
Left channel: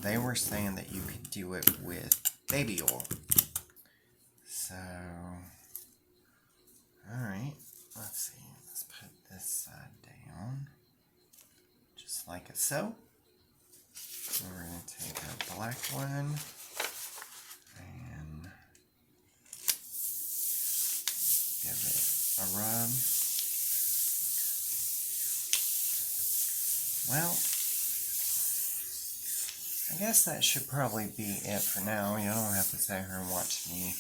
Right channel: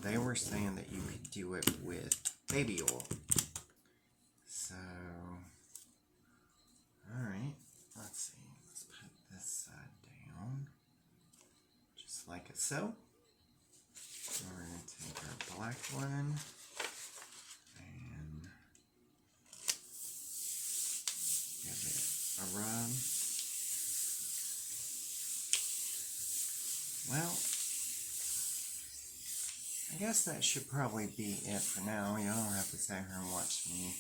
they were saying that you could do it with baby oil. So, alright, let's see, let's put this side down, just like so. We're going to take a black one and give it a rub. Well, I guess that should probably be it for now. You don't have to sit here and watch me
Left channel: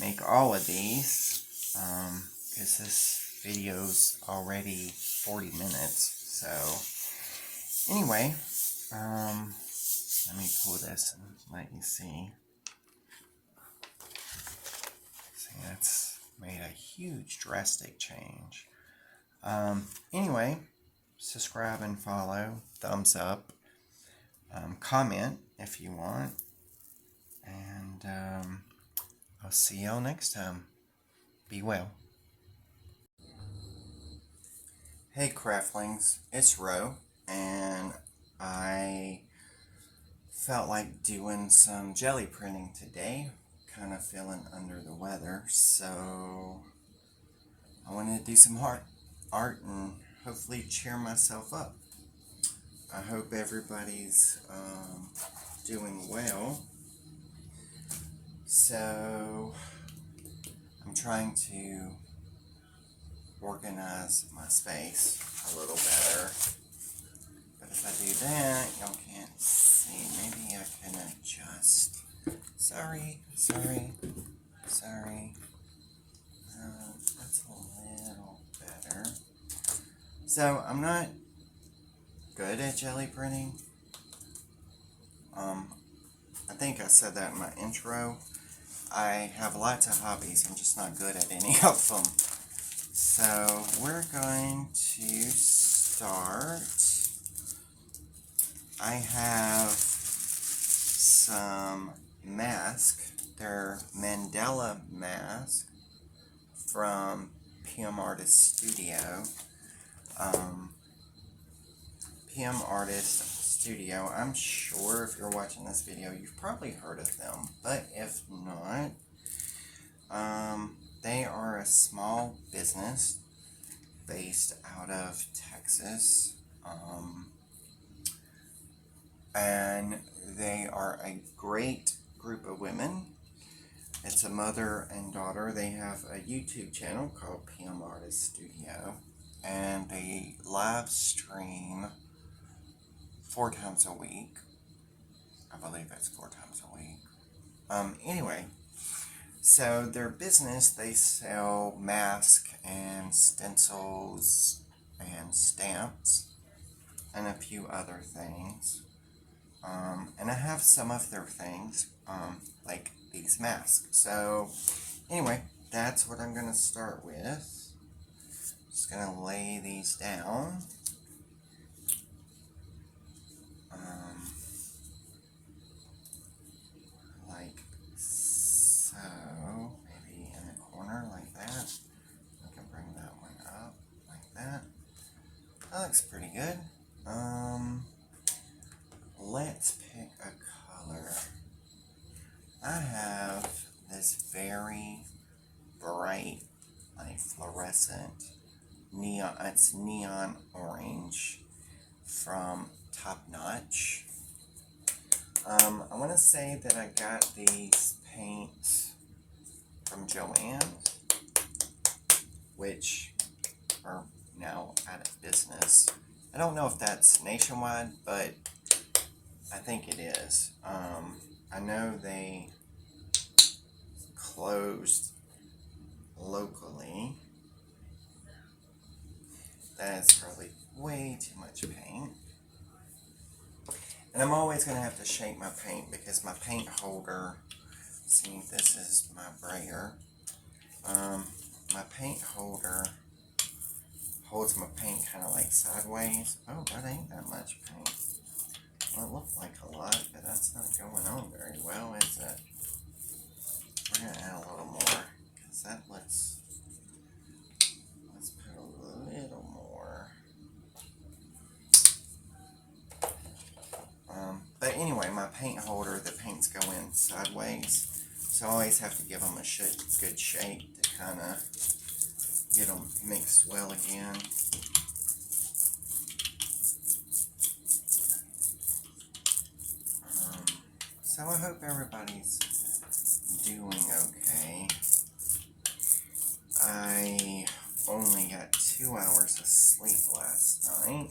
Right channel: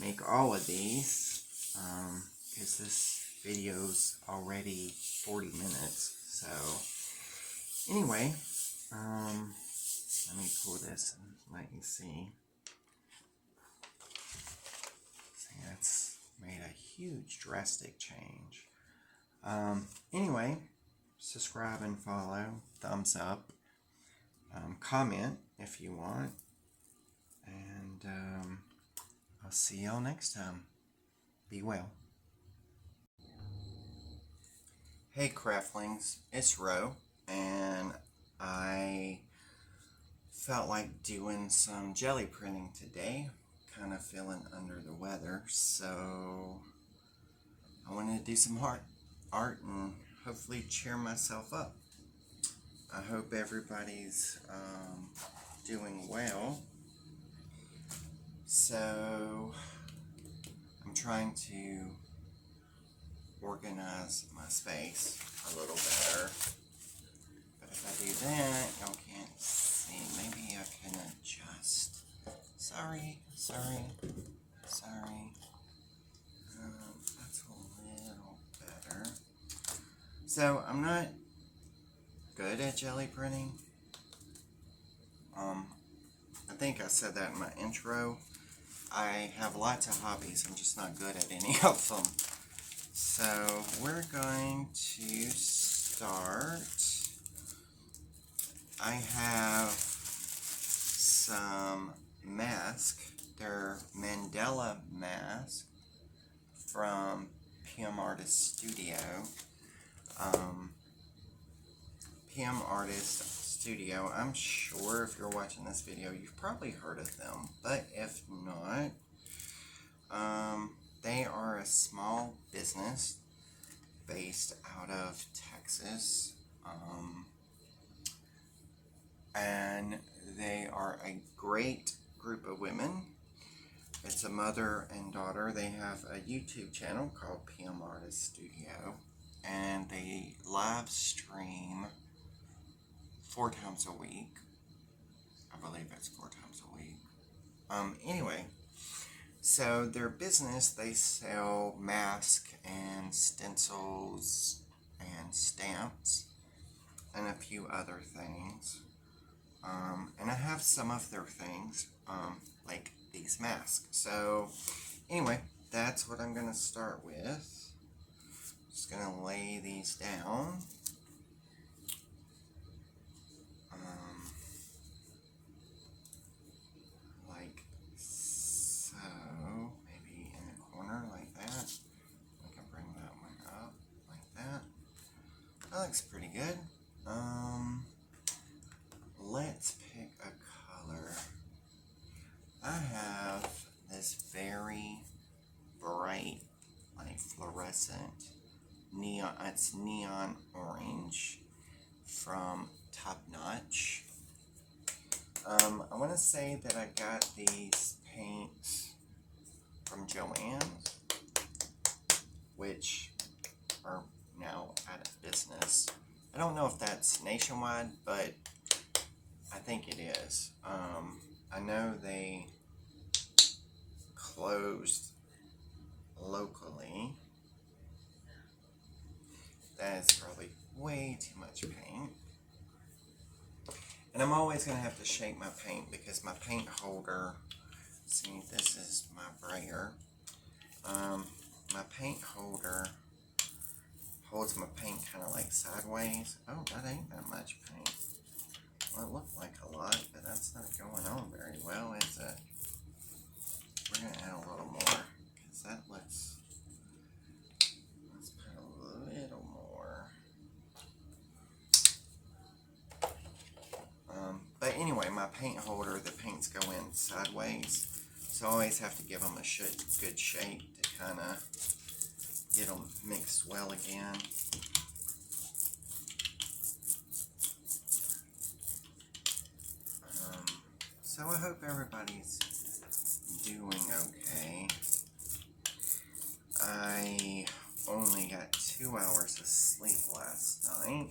make all of these, because this video's already 40 minutes. So, anyway, let me pull this and let you see. See, that's made a huge, drastic change. Anyway, subscribe and follow, thumbs up, comment if you want, and I'll see y'all next time. Be well. Hey craftlings, it's Ro, and I felt like doing some jelly printing today. Kind of feeling under the weather, so I wanted to do some art and hopefully cheer myself up. I hope everybody's doing well. So I'm trying to organize my space a little better. But if I do that, y'all can't see. Maybe I can adjust. Sorry. That's a little better. So I'm not good at jelly printing. I think I said that in my intro. I have lots of hobbies. I'm just not good at any of them. So we're going to start. I have some masks. They're Mandela masks from PM Artist Studio. PM Artist Studio, I'm sure if you're watching this video, you've probably heard of them, but if not, they are a small business based out of Texas, and they are a great group of women. It's a mother and daughter. They have a YouTube channel called PM Artist Studio, and they live stream 4 times a week. I believe it's 4 times a week. Anyway, so their business, they sell masks and stencils and stamps and a few other things. And I have some of their things, like these masks. So anyway, that's what I'm going to start with. Just going to lay these down. Like so. Maybe in the corner like that. We can bring that one up like that. That looks pretty good. Let's pick a color. I have this very bright, like fluorescent neon. It's neon orange from Top Notch. I want to say that I got these paints from Joann's, which are now out of business. I don't know if that's nationwide, but I think it is. I know they closed locally. That is probably way too much paint. And I'm always going to have to shake my paint because my paint holder, see, this is my brayer. My paint holder holds my paint kind of like sideways. Oh, that ain't that much paint. Well, it looked like a lot, but that's not going on very well, is it? We're going to add a little more, because that looks, let's put a little more. But anyway, my paint holder, the paints go in sideways, so I always have to give them a good shake to kind of get them mixed well again. So I hope everybody's doing okay. I only got 2 hours of sleep last night.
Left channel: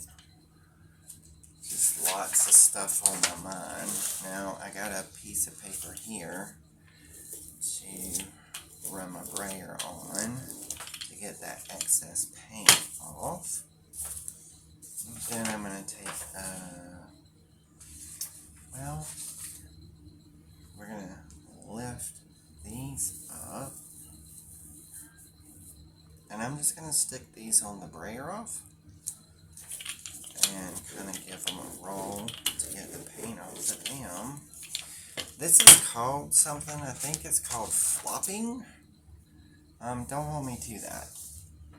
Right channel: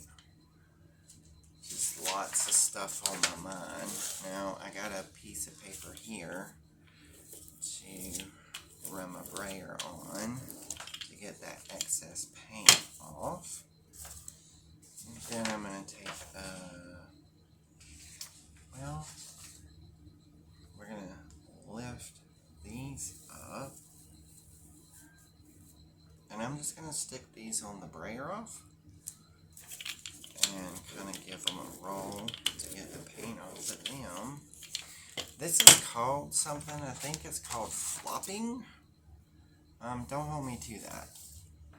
Just lots of stuff on my mind. Now I got a piece of paper here to run my brayer on to get that excess paint off. And then I'm going to take, well, we're going to lift these up. And I'm just going to stick these on the brayer off. And kind of give them a roll to get the paint off of them. This is called something, I think it's called flopping. Don't hold me to that.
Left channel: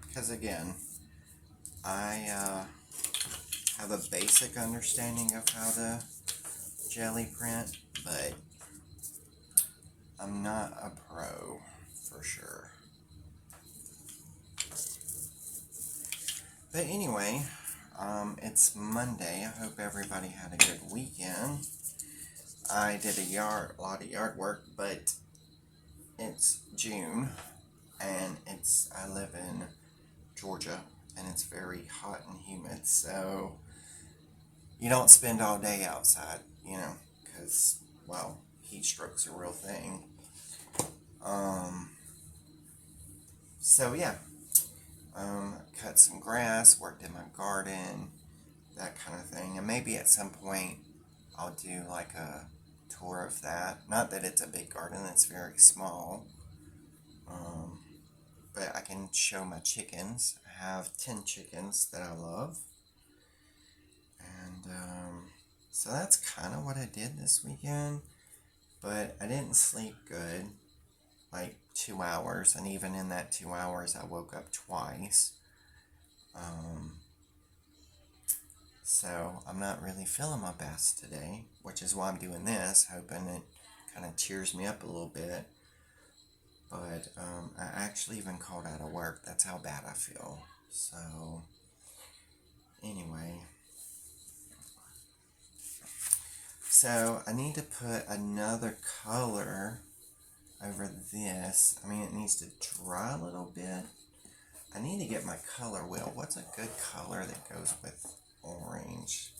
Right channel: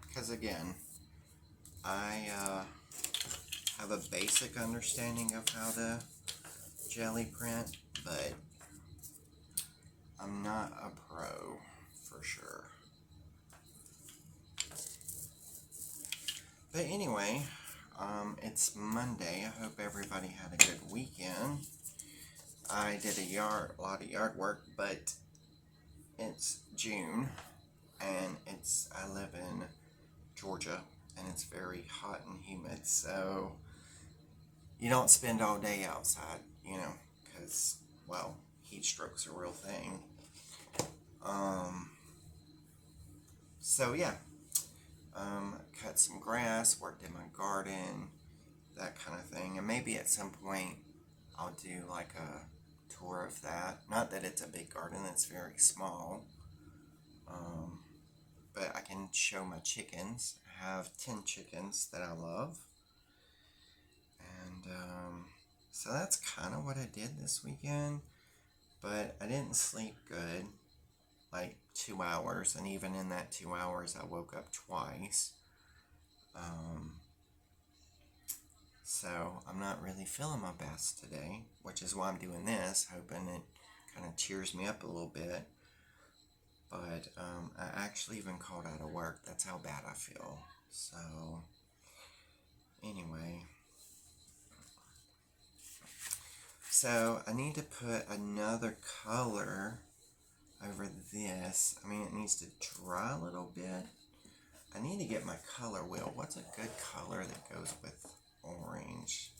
Because again, I have a basic understanding of how to jelly print, but I'm not a pro for sure. But anyway, it's Monday. I hope everybody had a good weekend. I did a lot of yard work, but it's June, and I live in Georgia, and it's very hot and humid, so you don't spend all day outside, because, well, heat stroke's a real thing. So yeah, cut some grass, worked in my garden, that kind of thing, and maybe at some point I'll do like a tour of that. Not that it's a big garden, it's very small, but I can show my chickens. I have 10 chickens that I love, and so that's kind of what I did this weekend, but I didn't sleep good, like 2 hours, and even in that 2 hours I woke up twice. So I'm not really feeling my best today, which is why I'm doing this, hoping it kind of cheers me up a little bit. But I actually even called out of work. That's how bad I feel. So anyway, so I need to put another color over this. I mean, it needs to dry a little bit. I need to get my color wheel. What's a good color that goes with orange?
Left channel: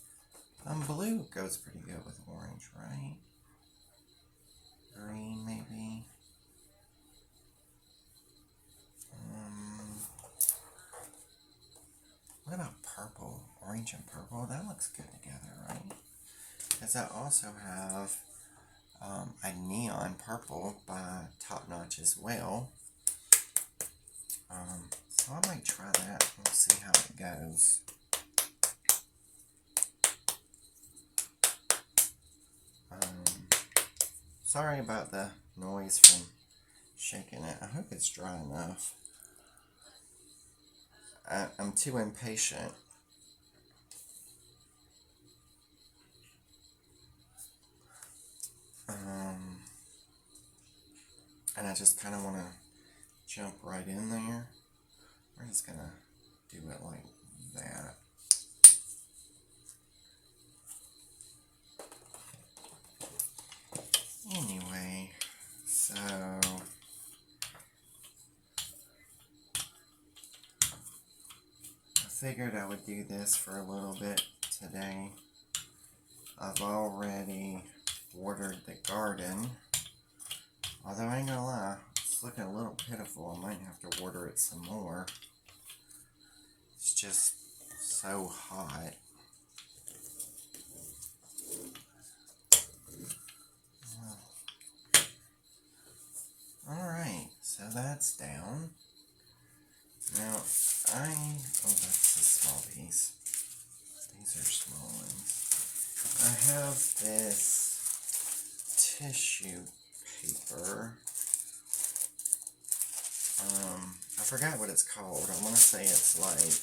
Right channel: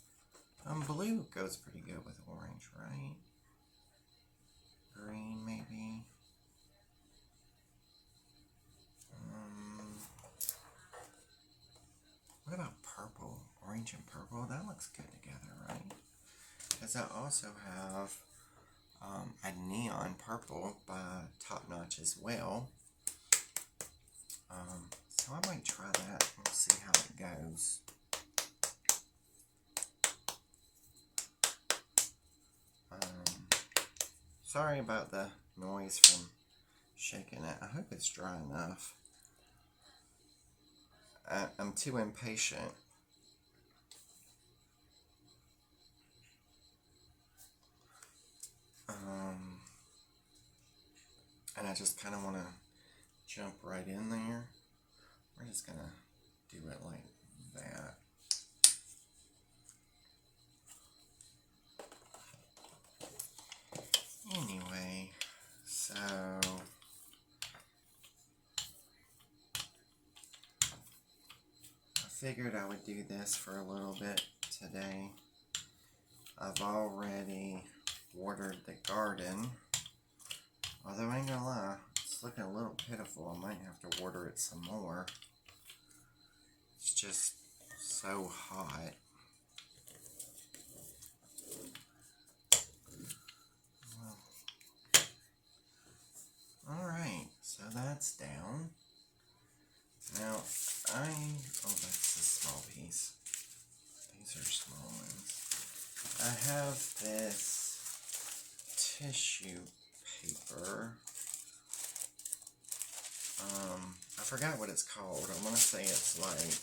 Blue goes pretty good with orange, right? Green, maybe. What about purple? Orange and purple? That looks good together, right? Because I also have a neon purple by Top Notch as well. So I might try that. We'll see how it goes. Sorry about the noise from shaking it. I hope it's dry enough. I'm too impatient. And I just kind of want to jump right in there. We're just going to do it like that. Anyway, so I figured I would do this for a little bit today. I've already watered the garden, although I ain't gonna lie, it's looking a little pitiful. I might have to water it some more. It's just so hot. Alright, so that's down. Now, oh, that's a small piece. These are small ones. I have this tissue paper. I forgot what it's called. I want to say it's like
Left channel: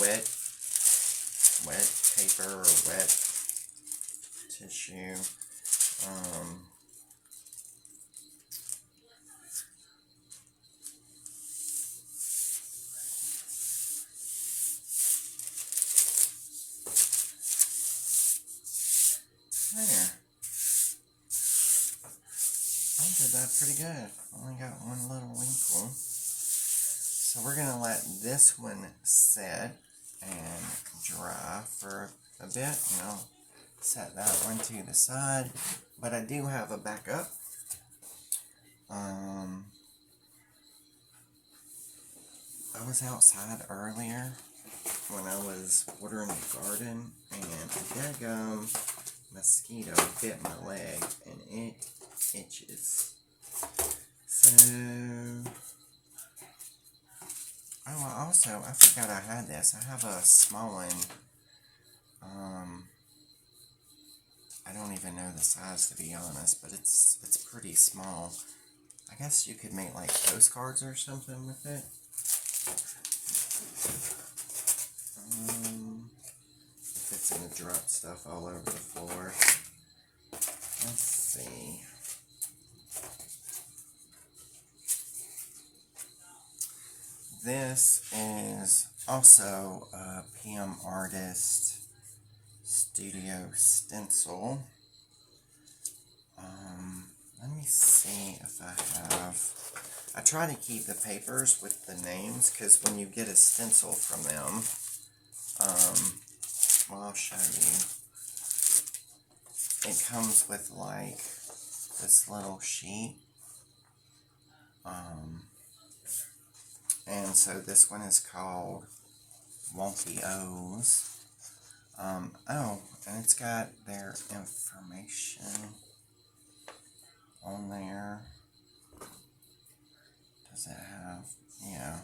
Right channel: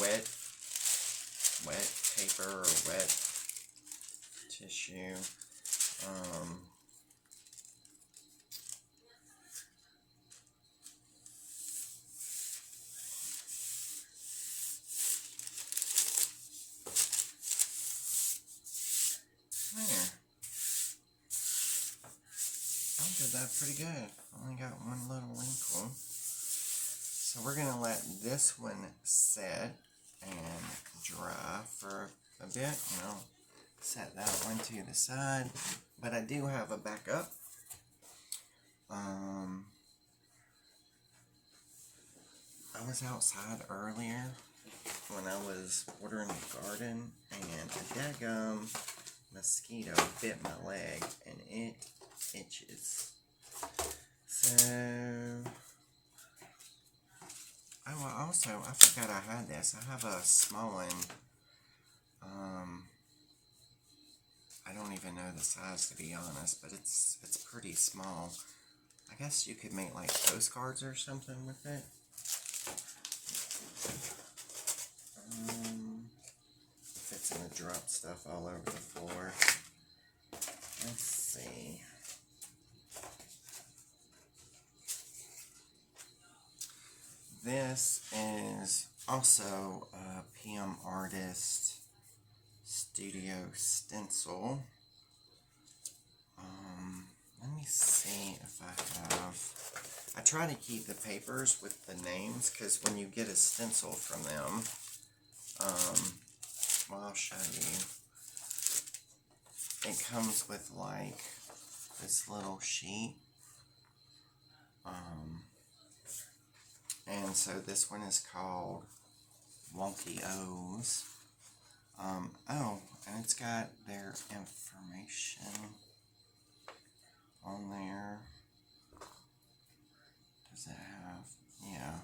wet paper or wet tissue. Yeah. I did that pretty good. Only got one little wrinkle. So we're going to let this one set and dry for a bit. And I'll set that one to the side. But I do have a backup. I was outside earlier when I was watering the garden, and a daggum mosquito bit my leg, and it itches. So, also, I forgot I had this. I have a small one. I don't even know the size, to be honest, but it's pretty small. I guess you could make like postcards or something with it. If it's gonna drop stuff all over the floor. Let's see. This is also a PM Artist Studio stencil. Let me see if I have... I try to keep the papers with the names, because when you get a stencil from them, well, I'll show you. It comes with, like, this little sheet. And so this one is called Wonky O's. Oh, and it's got their information on there. Does it have? Yeah.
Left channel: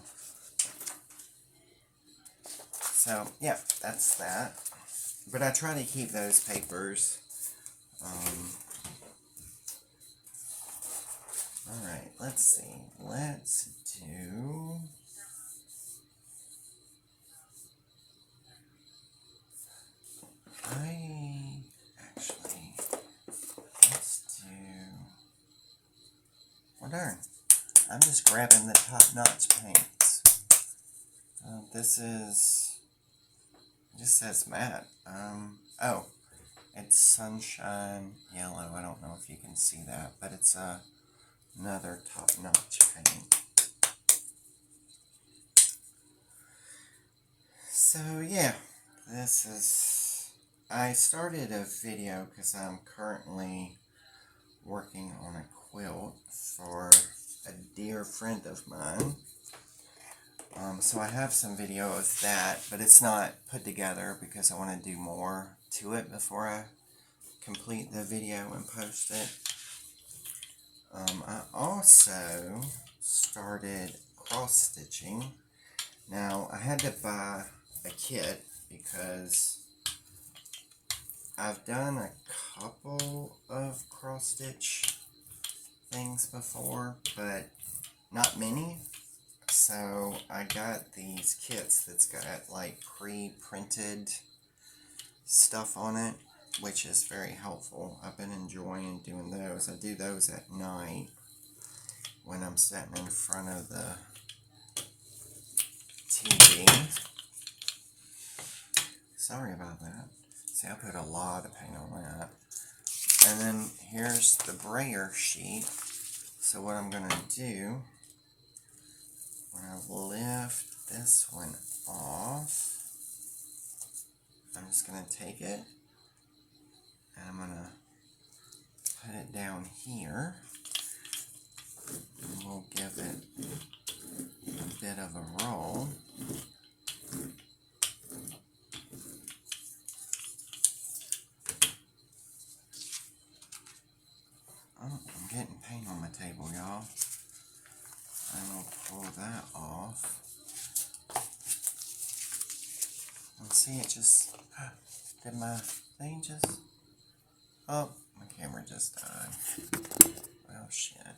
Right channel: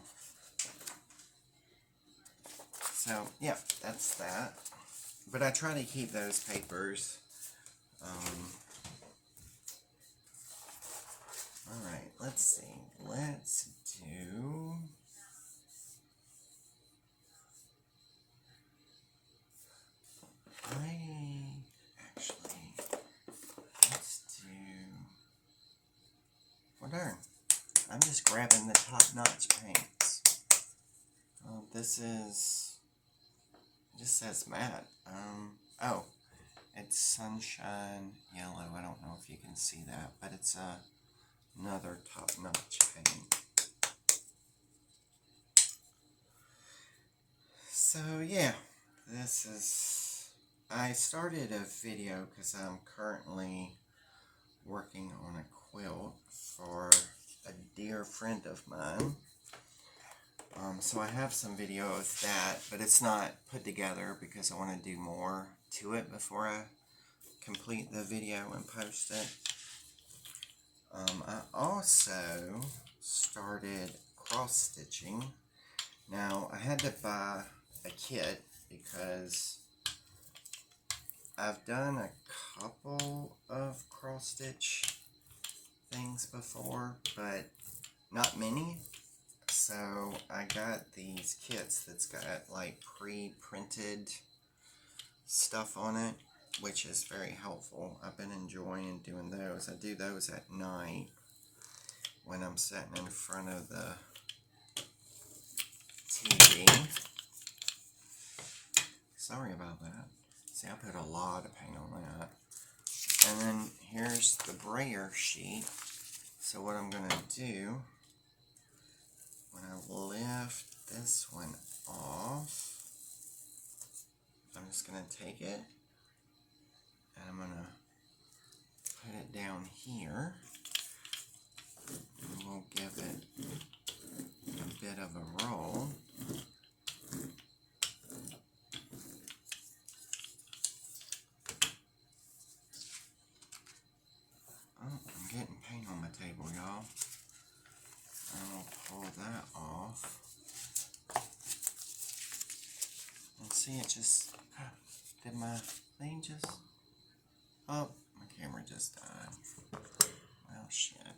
So, yeah, that's that. But I try to keep those papers. Alright, let's see. Let's do... let's do... Well, darn. I'm just grabbing the top-notch paints. This is... It just says matte. Oh. It's Sunshine Yellow. I don't know if you can see that, but it's another top-notch paint. So, yeah. This is... I started a video because I'm currently working on a quilt for a dear friend of mine. So I have some video of that, but it's not put together because I want to do more to it before I complete the video and post it. I also started cross-stitching. Now, I had to buy a kit because I've done a couple of cross-stitch things before, but not many. So I got these kits that's got like pre-printed stuff on it, which is very helpful. I've been enjoying doing those. I do those at night when I'm sitting in front of the TV. Sorry about that. See, I put a lot of paint on that. And then here's the brayer sheet. So what I'm going to do, when I lift this one off, I'm just going to take it and I'm going to put it down here. And we'll give it a bit of a roll. Oh, I'm getting paint on my table, y'all. And we'll pull that off. And see, it just... Did my thing just... Oh, my camera just died. Well, shit.